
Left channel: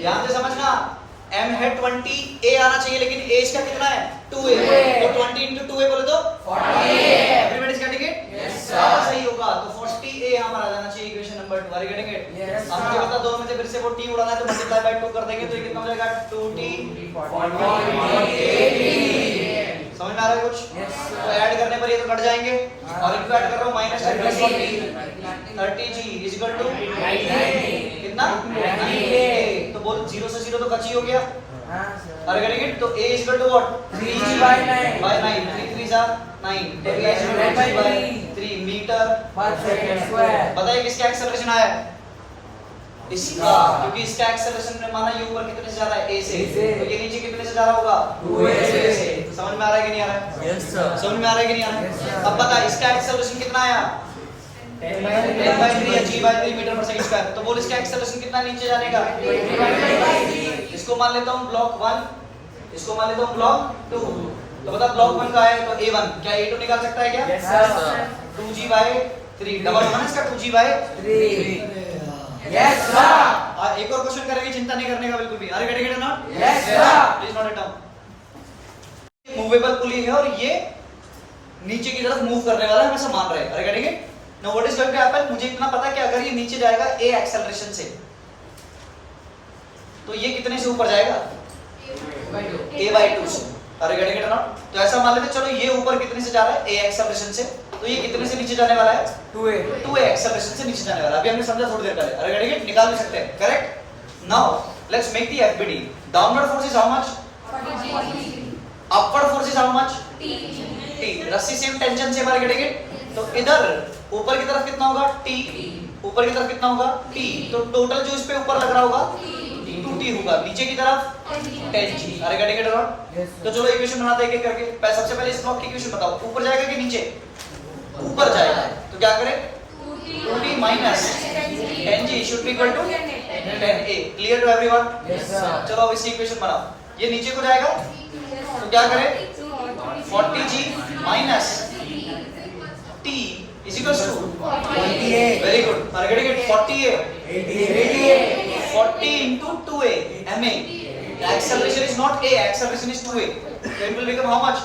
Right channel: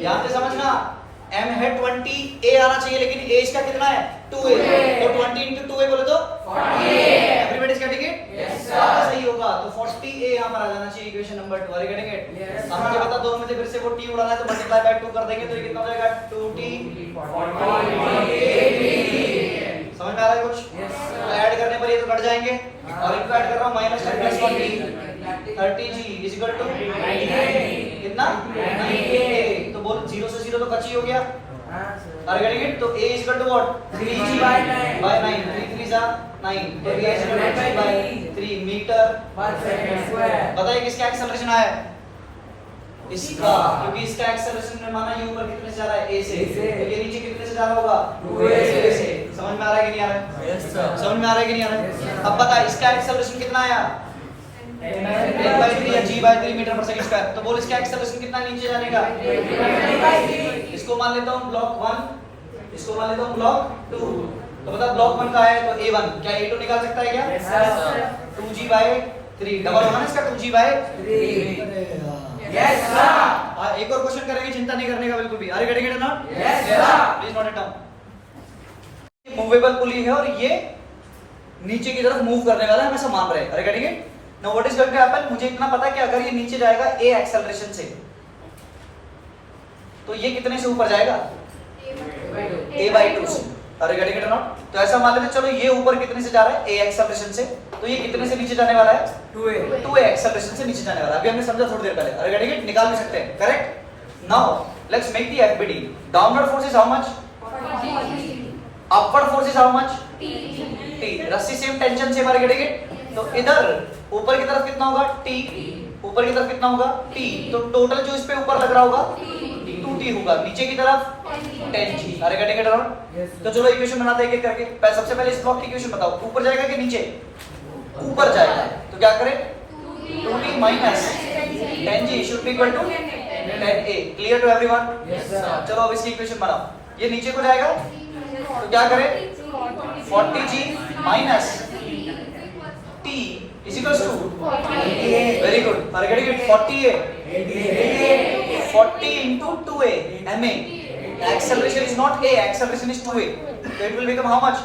ध्यान से समझना, m है 20, a आना चाहिए लेकिन a इसका कितना है? 2a। तो 20 into 2a बोले तो 40। Everybody is getting it? अब सही होगा तो 40a यहाँ पर आ जाना चाहिए इक्वेशन नंबर 2। अरे गेटिंग इट? Yes, अब मुझे बता दोनों में से फिर से वो t उड़ाना है तो मल्टीप्लाई बाय 2 कर देंगे तो ये कितना हो जाएगा? 2t। समझ में आ रहा है कुछ? Yes, sir. तो ऐड करने पर ये तो कट जाएंगे और इनको ऐड कर रहा हूँ minus 10 plus 40 30g is equal to कितना? 90a। तो बोल 0 से 0 तो कच्ची हो गया। हाँ, sir. Are getting it? तो a is equal to what? 3g by 9. by 9 3 3 जा 9 तो a is equal to 3 by 3 metre. 1 second square. बताइए किसका एक्सेलरेशन आया है? इसका, क्योंकि इसका एक्सेलरेशन ने माना ये ऊपर कितने से जा रहा है? a से। A से। तो ये नीचे कितने से जा रहा होगा? 2a से। समझ में आ रहा है कि नहीं आ रहा है? Yes, sir. समझ में आ रहा है कि नहीं आ रहा Yes, है? sir. अब बता इसका एक्सेलरेशन कितना आया? 10 by 3 या g by 3 metre per second square. तो बोल इसका एक्सेलरेशन कितना नीचे जाने का? इसको मान लेता हूँ ब्लॉक 1, इसको मान लेता हूँ ब्लॉक 2। तो बता ब्लॉक 1 का है तो a1, क्या a2 निकाल सकता है क्या? Yes, sir. 2g by 3 double होगा ना इसका 2g by 3. Yes, sir. एक और क्वेश्चन करेंगे, चिंता नहीं करने का बिल्कुल भी। अरे get it not? Yes, sir. Please note it down. Movable pulley है और ये नीचे की तरफ मूव करने वाला है, हम ऐसा मान रहे हैं। Are getting it? Now what is going to happen? मुझे इतना पता है कि अगर ये नीचे जाएगा a एक्सेलरेशन से तो ये कितने से ऊपर जाएगा? a by 2 से। अरे गेटिंग इट नॉट? तो ऐसा मान लेते हैं, चलो ये ऊपर कितने से जा रहा है? a एक्सेलरेशन से। तो ये कितने से नीचे जाने वाला है? 2a. 2a एक्सेलरेशन से नीचे जाने वाला है। अभी हमने समझा थोड़ी देर पहले। अरे गेटिंग इट? निकाल भी सकते हैं। Correct? Now let's make the FBD. Downward force is how much? Upward force is how much? t। रस्सी सेम टेंशन से हमारे गेटिंग इट? तो इधर ऊपर की तरफ कितना होगा? t। ऊपर की तरफ कितना होगा? t। तो टोटल जो इस पे ऊपर लग रहा होगा 2t होगा, नीचे की तरफ 10g। अरे getting it around? Yes, sir. तो चलो इक्वेशन बनाते हैं एक एक करके। सबसे पहले इस ब्लॉक की इक्वेशन बताओ, ऊपर जाएगा कि नीचे? ऊपर जाएगा। तो क्या करें? 2t minus 10g should be equal to 10a clear to everyone? Yes, sir. चलो अब इसकी इक्वेशन बनाओ। ये नीचे को जाएगा तो क्या करें? 40g minus t is equals to 88. very good, are getting it? 40a 88. 40 into 2a ma. Acceleration is not a, acceleration is 2a, so it will become how much?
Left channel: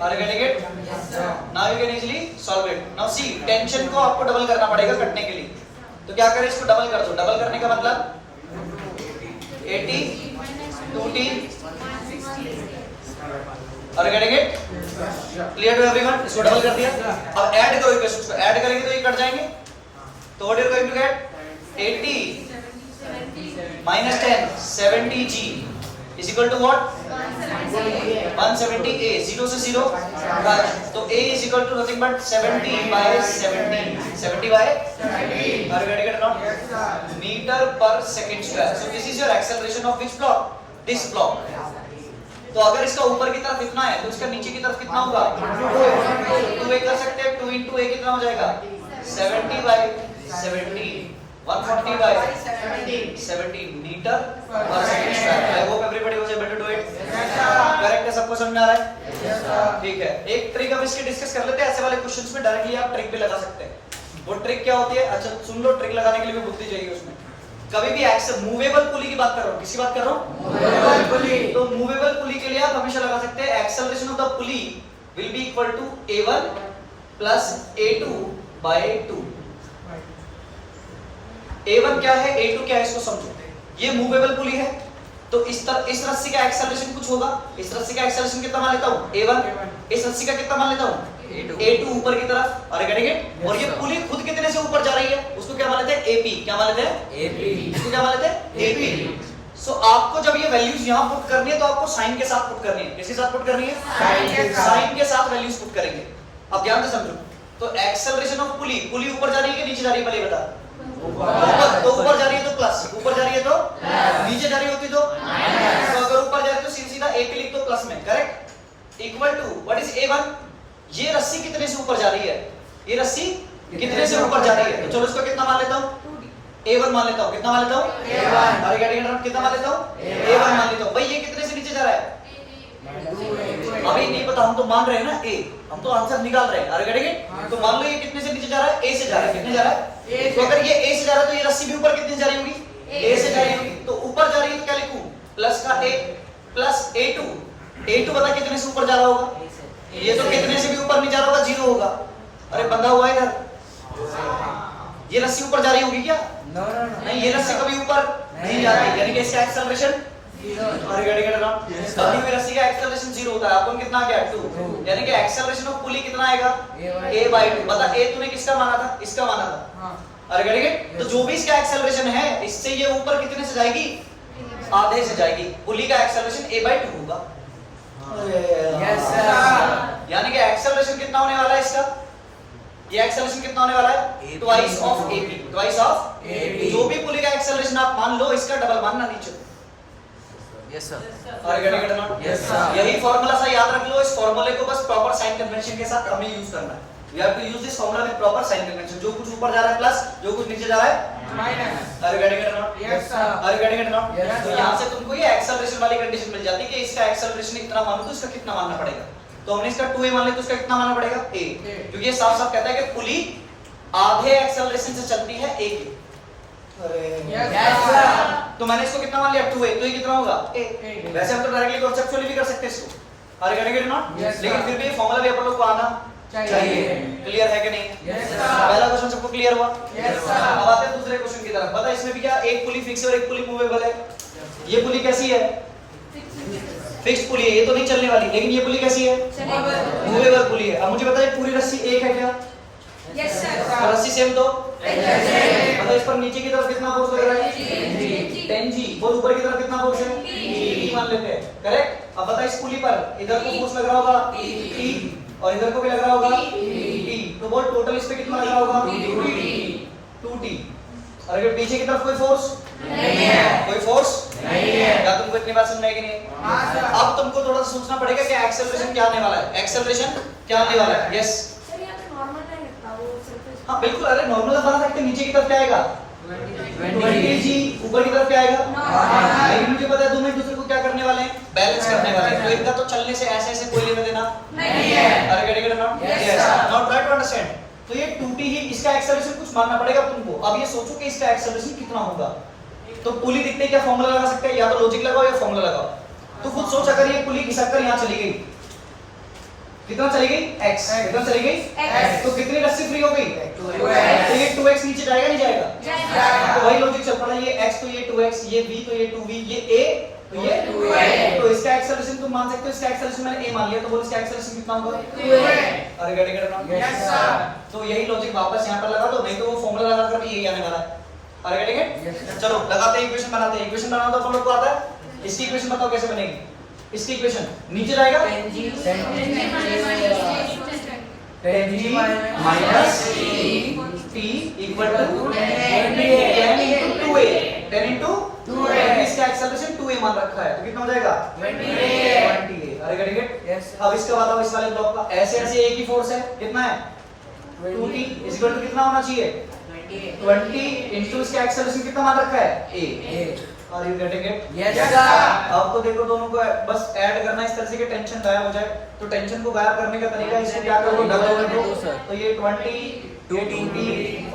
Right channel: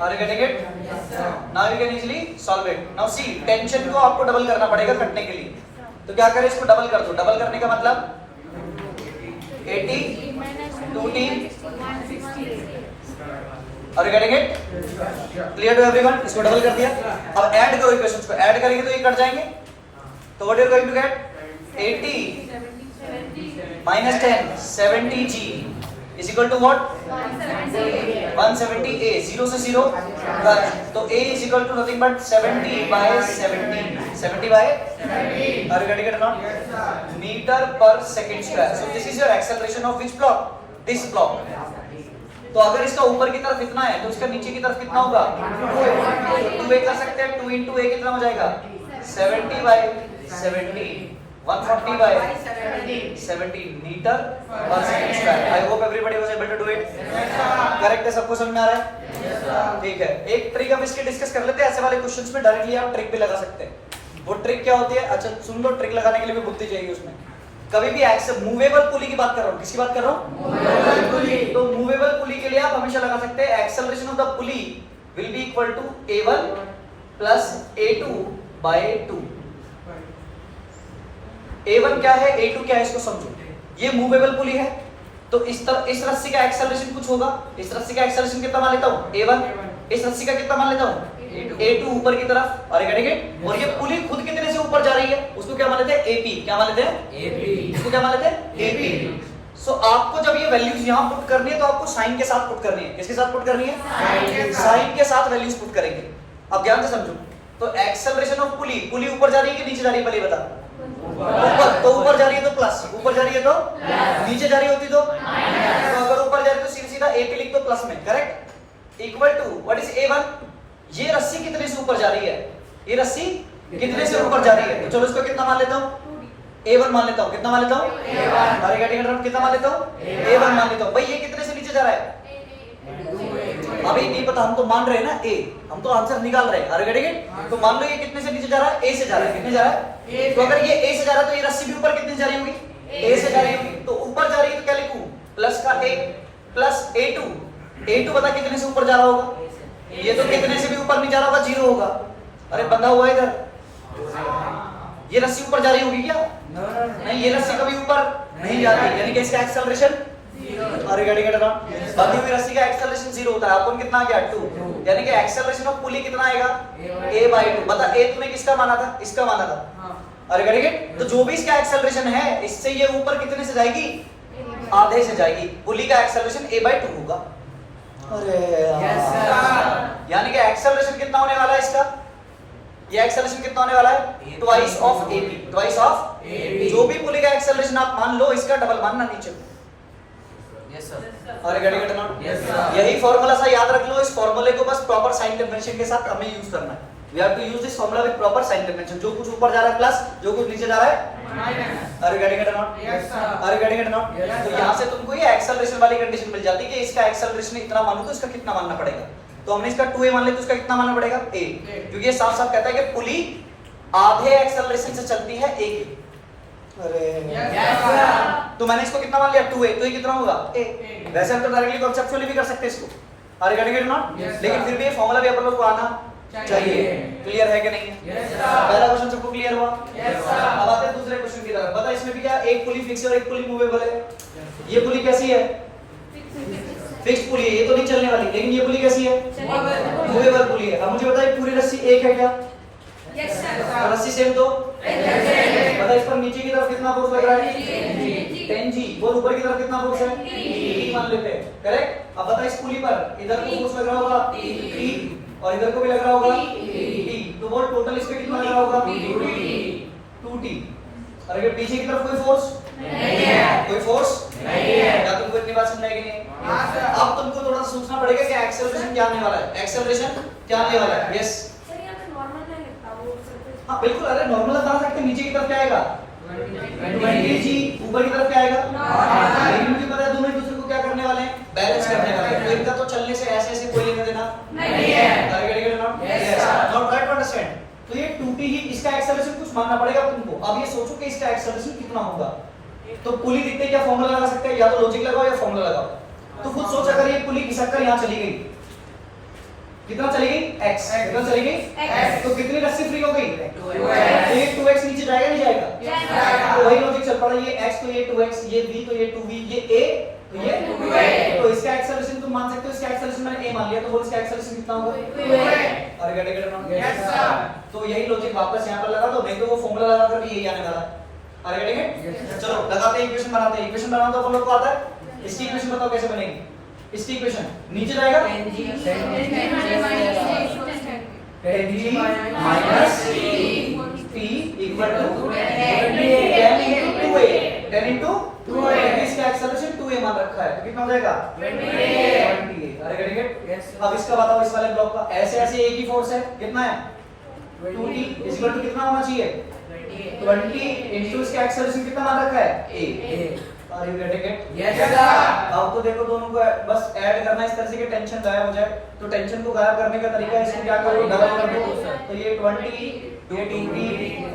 Are you getting it? Yes, sir. Now you can easily solve it. Now see, tension को आपको double करना पड़ेगा कटने के लिए, तो क्या करें? इसको डबल कर दो। डबल करने का मतलब 80 2t, are you getting it? Clear to everyone? इसको डबल कर दिया। अब ऐड करो इक्वेशंस को, ऐड करेंगे तो ये कट जाएंगे, तो what you are going to get? 80 minus 10 70g is equal to what? 170a, 0 से 0 कट, तो a is equal to nothing but 70 by 70, 70 by, are you getting it or not? Meter per second square. So this is your acceleration of which block? This block. तो अगर इसका ऊपर की तरफ इतना है तो इसका नीचे की तरफ कितना होगा? 2a कर सकते हैं। 2 into a कितना हो जाएगा? 70 by 70, 140 by 70 metre per second square. I hope everybody was able to do it. Correct है? सबको समझ में आ रहा है? ठीक है, एक ट्रिक अब इसके डिस्कस कर लेते हैं। ऐसे वाले क्वेश्चंस में डायरेक्टली आप ट्रिक भी लगा सकते हैं। वो ट्रिक क्या होती है? अच्छा सुन लो, ट्रिक लगाने के लिए भी बुद्धि चाहिए उसमें। कभी भी मूवेबल पुली की बात कर रहा हूँ, किसकी बात कर रहा हूँ? Movable pulley. तो मूवेबल पुली के लिए आप हमेशा लगा सकते हैं acceleration of the pulley will be equal to a1 plus a2 by 2। a1 क्या है, a2 क्या है, इसको समझो। ये मूवेबल पुली है तो इस रस्सी का एक्सेलरेशन कुछ होगा। इस रस्सी का एक्सेलरेशन कितना मान लेता हूँ? a1। इस रस्सी का कितना मान लेता हूँ? a2 ऊपर की तरफ। और और ये पुली खुद कितने से ऊपर जा रही है उसको क्या मान लेते हैं? AP। क्या मान लेते हैं? AP। इसको क्या मान लेते हैं? AP। सो आपको जब ये वैल्यूज यहाँ पुट करनी है तो आपको साइन के साथ पुट करनी है। किसके साथ पुट करनी है? साइन के साथ वैल्यूज पुट करेंगे। अब ध्यान से समझो। तो एक्सेलरेशन ऑफ पुली, पुली ऊपर जा रही है कि नीचे जा रही है? पहले बता। ऊपर। तो ऊपर जा रही है तो प्लस, ऊपर जा रही है तो नीचे जा रही होती तो अगर ऊपर जा रही है तो सीधा AP लिख दो प्लस में। Correct? Equal to what is A1? ये रस्सी कितने से ऊपर जा रही है? ये रस्सी कितने से ऊपर जा रही है? तो चलो इसको कितना मान लेता हूँ? A1 मान लेता हूँ। कितना मान लेता हूँ? अरे गेटिंग कितना मान लेता हूँ? A1 मान लेता हूँ। भाई ये कितने से नीचे जा रहा है? अभी नहीं पता, हम तो मान रहे हैं ना A, हम तो आंसर निकाल रहे हैं। अरे गेटिंग, तो मान लो ये कितने से नीचे जा रहा है? A से जा रहा है। कितने जा रहा है? तो अगर ये A से जा रहा है तो ये रस्सी भी ऊपर कितने जा रही होगी? A से जा रही होगी। तो ऊपर जा रही है तो क्या लिखूं? प्लस का A प्लस A2। A2 पता कितने से ऊपर जा रहा होगा? ये तो कितने से भी ऊपर नहीं जा रहा होगा, 0 होगा। अरे बंधा हुआ इधर। ये रस्सी ऊपर जा रही होगी क्या? नहीं, ये रस्सी कभी ऊपर नहीं जाती, यानी कि इसका एक्सेलरेशन अरे बंधी हुई रस्सी का एक्सेलरेशन 0 होता है। आपको कितना आ गया? 2। यानी कि एक्सेलरेशन ऑफ पुली कितना आएगा? a by 2। बता A तूने किसका माना था? इसका माना था। अरे करेक्ट? तो जो भी इसका एक्सेलरेशन है इससे ये ऊपर कितने से जाएगी? आधे से जाएगी। पुली का एक्सेलरेशन a by 2 होगा। Yes, sir. यानी कि एक्सेलरेशन कितना होने वाला है इसका? ये एक्सेलरेशन कितना होने वाला है? Twice of AP। Twice of AP। जो भी पुली का एक्सेलरेशन आप मान लो, इसका डबल मानना नीचे। Yes, sir. अरे get it not? Yes, sir. यही फार्मूला सा याद रख लो। इस फार्मूले को बस प्रॉपर साइन कन्वेंशन के साथ हमें यूज करना है। We have to use this formula with proper sign convention. जो कुछ ऊपर जा रहा है प्लस, जो कुछ नीचे जा रहा है माइनस। अरे get it not? Yes, sir. अरे गेट इट नॉट? Yes, तो sir. यहां से तुमको ये एक्सेलरेशन वाली कंडीशन मिल जाती है कि इसका एक्सेलरेशन इतना मानो तो इसका कितना मानना पड़ेगा। तो हमने इसका 2a मान लिया तो इसका कितना मानना पड़ेगा? A। क्योंकि ये साफ साफ कहता है कि पुली आधे एक्सेलरेशन से चलती है A के। अरे Yes, sir. तो मैंने इसको कितना मान लिया? 2a। तो ये कितना होगा? A। वैसे हम तो डायरेक्टली कॉन्सेप्चुअली भी कर सकते हैं इसको। अरे get it not? Yes, sir. लेकिन फिर भी ये फार्मूला भी आप लोग को आना चाहिए। क्लियर है कि नहीं है? Yes, sir. पहला क्वेश्चन सबको क्लियर हुआ? Yes, sir. अब आते हैं दूसरे क्वेश्चन की तरफ। पता है इसमें भी क्या? एक पुली फिक्स है और एक पुली मूवेबल है। ये पुली कैसी है? फिक्स्ड पुली है, ये तो नहीं चलने वाली। लेकिन ये पुली कैसी है? मूवेबल पुली है। अब मुझे बताइए पूरी रस्सी एक है क्या? Yes, sir. रस्सी सेम तो पता इस पर नीचे की तरफ कितना फोर्स लग रहा है? 10G। और ऊपर की तरफ कितना फोर्स है? T मान लेते हैं। करेक्ट? अब बता इस पुली पर इधर को फोर्स लग रहा होगा T और इधर को भी लग रहा होगा T। तो बोल टोटल इस पे कितना लग रहा होगा? 2T। और अगर पीछे की तरफ कोई फोर्स नहीं है, कोई फोर्स नहीं है। क्या तुमको इतनी बात समझ आएगी नहीं? अब तुमको थोड़ा सोचना पड़ेगा कि एक्सेलरेशन क्या आने वाला है। एक्सेलरेशन क्या आने वाला है? यस सर यहाँ पे नॉर्मल है लगता वो सरफेस। हाँ बिल्कुल। अरे नॉर्मल बना सकते हैं। नीचे की तरफ क्या आएगा? 20g ऊपर की तरफ क्या आएगा, लेकिन मुझे पता है दोनों एक दूसरे को क्या करने वाले हैं, बैलेंस करने वाले हैं, तो इनका तो चलने से ऐसे ऐसे कोई लेना देना नहीं है। Are get it not, not try to understand. तो ये 2t ही, इसका एक्सेलरेशन कुछ मानना पड़ेगा तुमको। अब ये सोचो कि इसका एक्सेलरेशन कितना होगा, तो पुली दिखते क्या फॉर्मूला लगा सकते हैं, या तो लॉजिक लगाओ या फॉर्मूला लगाओ। तो खुद सोच, अगर ये पुली घिसक कर यहाँ चली गई, कितना चली गई, x, कितना चली गई, तो कितनी रस्सी फ्री हो गई, तो ये 2x नीचे जाएगा नहीं जाएगा, तो वही लॉजिक चल पड़ा, ये x तो ये 2x, ये v तो ये 2v, ये a तो ये 2a, तो इसका एक्सेलरेशन तुम मान सकते हो, इसका एक्सेलरेशन मैंने a मान लिया, तो बोल इसका एक्सेलरेशन कितना होगा, 2a। अरे गड़े गड़े यस सर, तो यही लॉजिक वापस यहाँ पर लगा दो, नहीं तो वो फॉर्मूला लगा कर भी यही आने वाला है। अरे गड़े चलो लगाते हैं, इक्वेशन बनाते हैं। इक्वेशन बनाओ तो अपन लोग को आता है, इसकी इक्वेशन बताओ कैसे बनेगी। इसकी इक्वेशन नीचे जाएगा 10g minus t equal to 10 into 2a, 10 into 2a, इसका एक्सेलरेशन 2a मान रखा है, तो कितना हो जाएगा 20a। अरे गेट इट। अब इसका बताओ, इस वाले ब्लॉक का ऐसे ऐसे एक ही फोर्स है, कितना है 2t इक्वल टू कितना होना चाहिए 20 इनटू इसका एक्सेलरेशन कितना मान रखा है a। Are you getting it? Yes sir। अब तो देखो दोनों को बस ऐड करना, इस तरह से कि टेंशन गायब हो जाए। तो टेंशन को गायब करने का तरीका इसको क्या करो, डबल कर दो, तो ये 20 ये 2t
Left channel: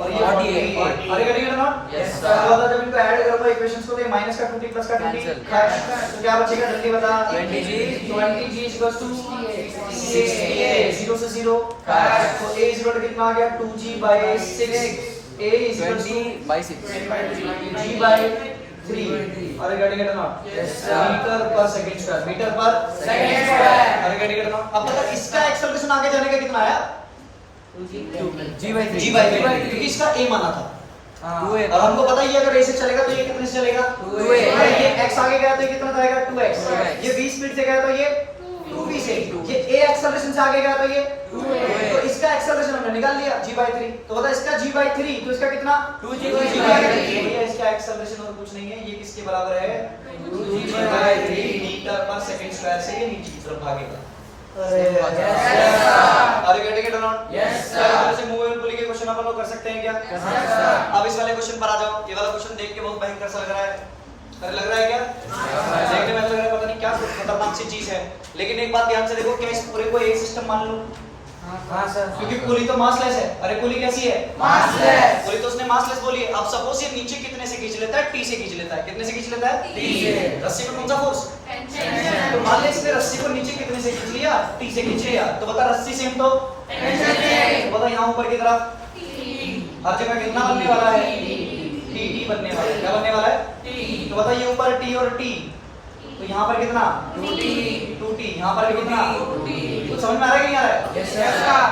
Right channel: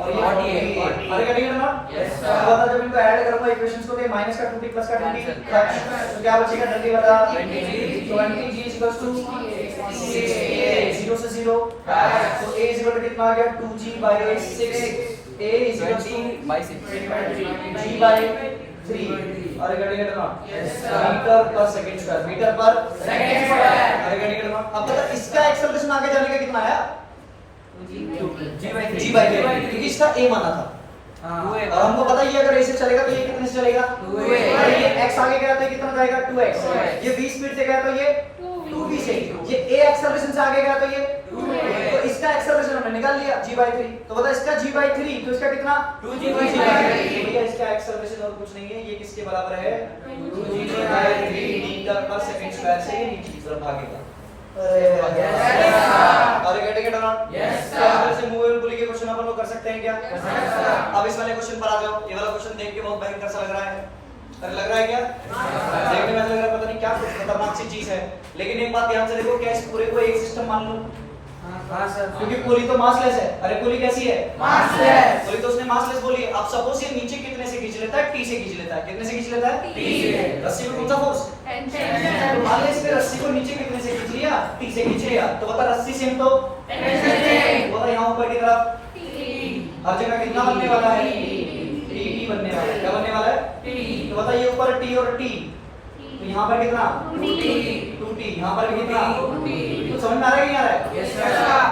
और ये 40। अरे गेटिंग इट नॉट? यस तो सर। बता, जब इनको ऐड करूंगा इक्वेशंस को, तो ये माइनस का 2t प्लस का 2t, तो क्या बचेगा, जल्दी बता। 20g इक्वल्स टू 60a, 0 से 0, तो a इज इक्वल टू कितना आ गया 2g by 6, a is equal to g by 3। Are getting it not? Yes sir. Metre per second square, metre per second square. Are getting it not? अब बता, इसका acceleration आगे जाने का कितना आया, g by 3, क्योंकि इसका a माना था। और हमको पता ही है अगर a से चलेगा तो ये कितने से चलेगा, 2a। अरे ये x आगे गया तो ये कितना जाएगा 2x, ये v स्पीड से गया तो ये 2v से, ये a एक्सेलरेशन से आगे गया तो ये 2a, तो इसका एक्सेलरेशन हमने निकाल लिया g by 3। तो बता, इसका g by 3, तो इसका कितना 2g by by 3। 3। भैया इसका एक्सेलरेशन और कुछ नहीं है, ये किसके बराबर है 2g by 3 metre per second square से ये नीचे की तरफ भागेगा। अरे getting it not? Yes sir. से मूवेबल पुली के क्वेश्चन अपन लोग कर सकते हैं क्या? अब इस वाले क्वेश्चन पर आ जाओ। ये वाला क्वेश्चन देख के बहुत भयंकर सा लग रहा है, अरे लग रहा है क्या, देखने में लग रहा है पता नहीं क्या खतरनाक सी चीज है, लेकिन एक बात ध्यान से देखो, क्या इस पूरे को एक सिस्टम मान लूं, हां सर। क्योंकि पुली तो मासलेस है। अरे पुली कैसी है, मासलेस। पुली तो उसने मासलेस बोली है। अब सपोज ये नीचे कितने से खींच लेता है, टी से खींच लेता है, कितने से खींच लेता है, टी से। रस्सी में कौन सा फोर्स, तो मान ले इसने रस्सी को नीचे कितने से खींच लिया, टी से खींच लिया, तो बता रस्सी सेम तो बता, यहाँ ऊपर की तरफ हर जगह कितना बनने वाला है, टी बनने वाला है। क्या बनने वाला है, तो बता, ये ऊपर टी और टी, तो यहाँ पर कितना 2t, यहाँ पर कितना, तो समझ में आ रहा है कि नहीं आ रहा है? Yes sir.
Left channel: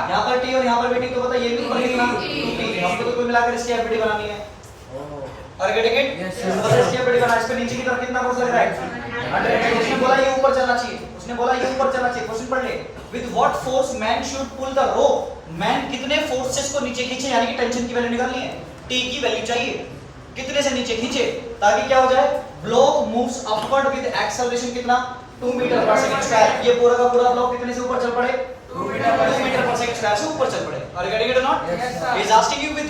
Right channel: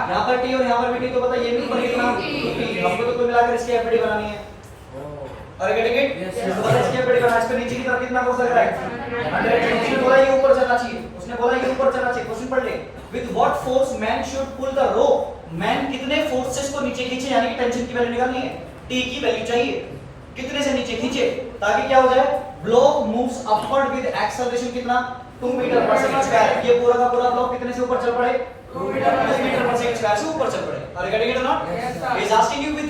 यहाँ पर टी और यहाँ पर भी टी, तो बता ये भी ऊपर कितना 2t, हमको तो कुल मिलाकर इसकी एफडी बनानी है। Are getting it? Yes, sir. बता इसकी एफडी बना, इस पे नीचे की तरफ कितना फोर्स लग रहा है 100। उसने बोला ये ऊपर चलना चाहिए, उसने बोला ये ऊपर चलना चाहिए। क्वेश्चन पढ़ ले, with what force man should pull the rope, man कितने फोर्सेस को नीचे खींचे, यानी कि टेंशन की वैल्यू निकालनी है, टी की वैल्यू चाहिए, कितने से नीचे खींचे ताकि क्या हो जाए, block moves upward with acceleration कितना 2 मीटर पर सेकंड स्क्वायर। ये पूरा का पूरा ब्लॉक कितने से ऊपर चल पड़े, 2 मीटर पर सेकंड स्क्वायर से ऊपर चल पड़े। Are you getting it or not? Yes, sir. He is asking you with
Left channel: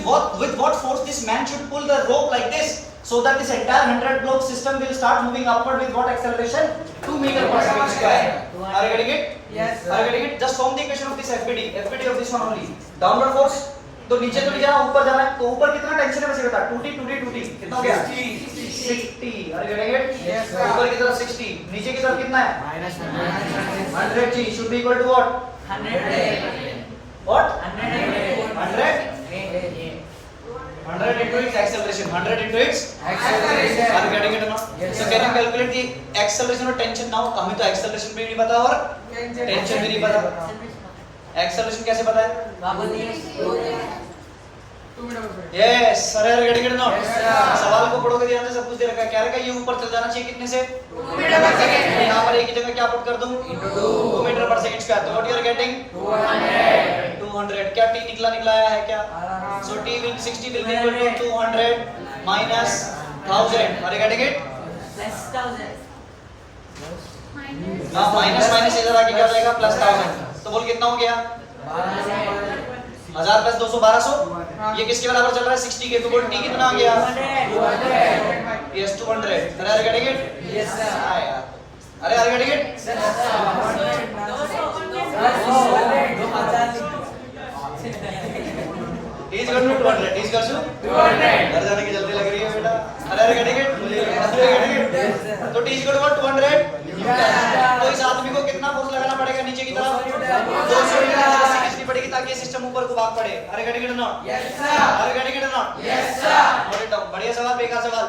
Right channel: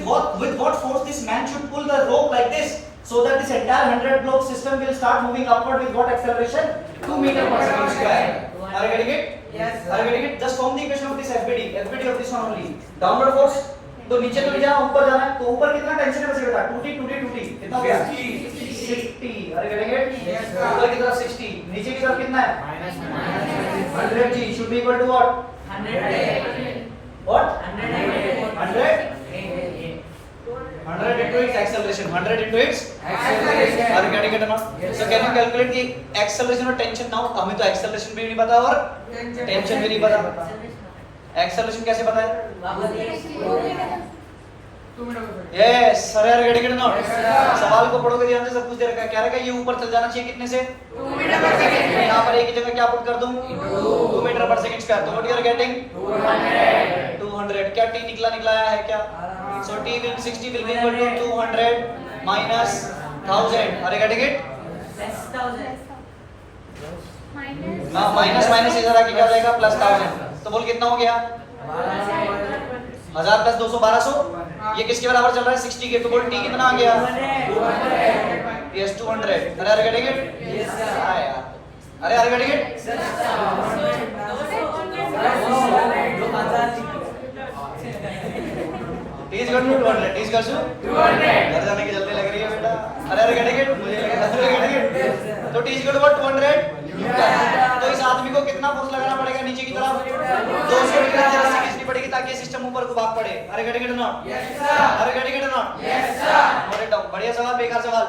what force this man should pull the rope like this, so that this entire 100 block system will start moving upward with what acceleration, 2 meter per second square. Are you getting it? Yes, sir. Are you getting it? Just form the equation of this FBD of this one only. Downward force, तो नीचे तो नहीं जाना, ऊपर जाना है, तो ऊपर कितना टेंशन है बचेगा, 2t कितना हो गया 60। Are you getting it? Yes, sir. ऊपर की तरफ 60, नीचे की तरफ कितना है minus 100g should be equal to what? 100 into its acceleration. 100 into its Acceleration. Are you getting it or not? Yes, So sir. can you calculate the acceleration or tension now? हमें तो acceleration भी नहीं पता और tension भी नहीं पता। Acceleration कैसे पता है? Yes, sir. Are you getting it or not? Yes, sir. सवाल को पढ़ोगे ध्यान से, सब कुछ दे रखा है। क्या रहेगा, ये ऊपर चल जाना चाहिए कितने से, 2 मीटर पर सेकंड। मैं यहाँ पर एक ही जगह क्या पुट कर दूं, 2 मीटर पर सेकंड स्क्वायर। तो व्हाट यू आर गेटिंग 200। क्या t निकला आया है क्या? So t will be 60 will be equal to 200 minus 1000. Are you getting it? हाँ, माइनस इधर आके क्या हो जाएगा, प्लस 1000। तो बोल कितना हो गया, 1000 प्लस 200 1200। ये किसके बराबर चल रहा है 60 के, तो बोल टी कितना आ गया यस 200। अरे are getting it? Yes, sir. हाँ यार, अरे आर गेटिंग इट? टीज कर 200, टीज कर 200। घर जाने की जल्दी लग रही है बेटा। अरे अरे गेटिंग इट? मुझे लग रहा है अरे गेटिंग इट? तो टीज कर 200 न्यूटन। तो इस आदमी को कितना फोर्स लगाना पड़ेगा नीचे की तरफ? 200 मीटर की रस्सी खींचनी पड़ेगी ताकि ये सिस्टम ऊपर को भाग पड़े। अरे गेटिंग इट नॉट? अरे getting it not? Note it down. बढ़िया सवाल, बेकार सवाल?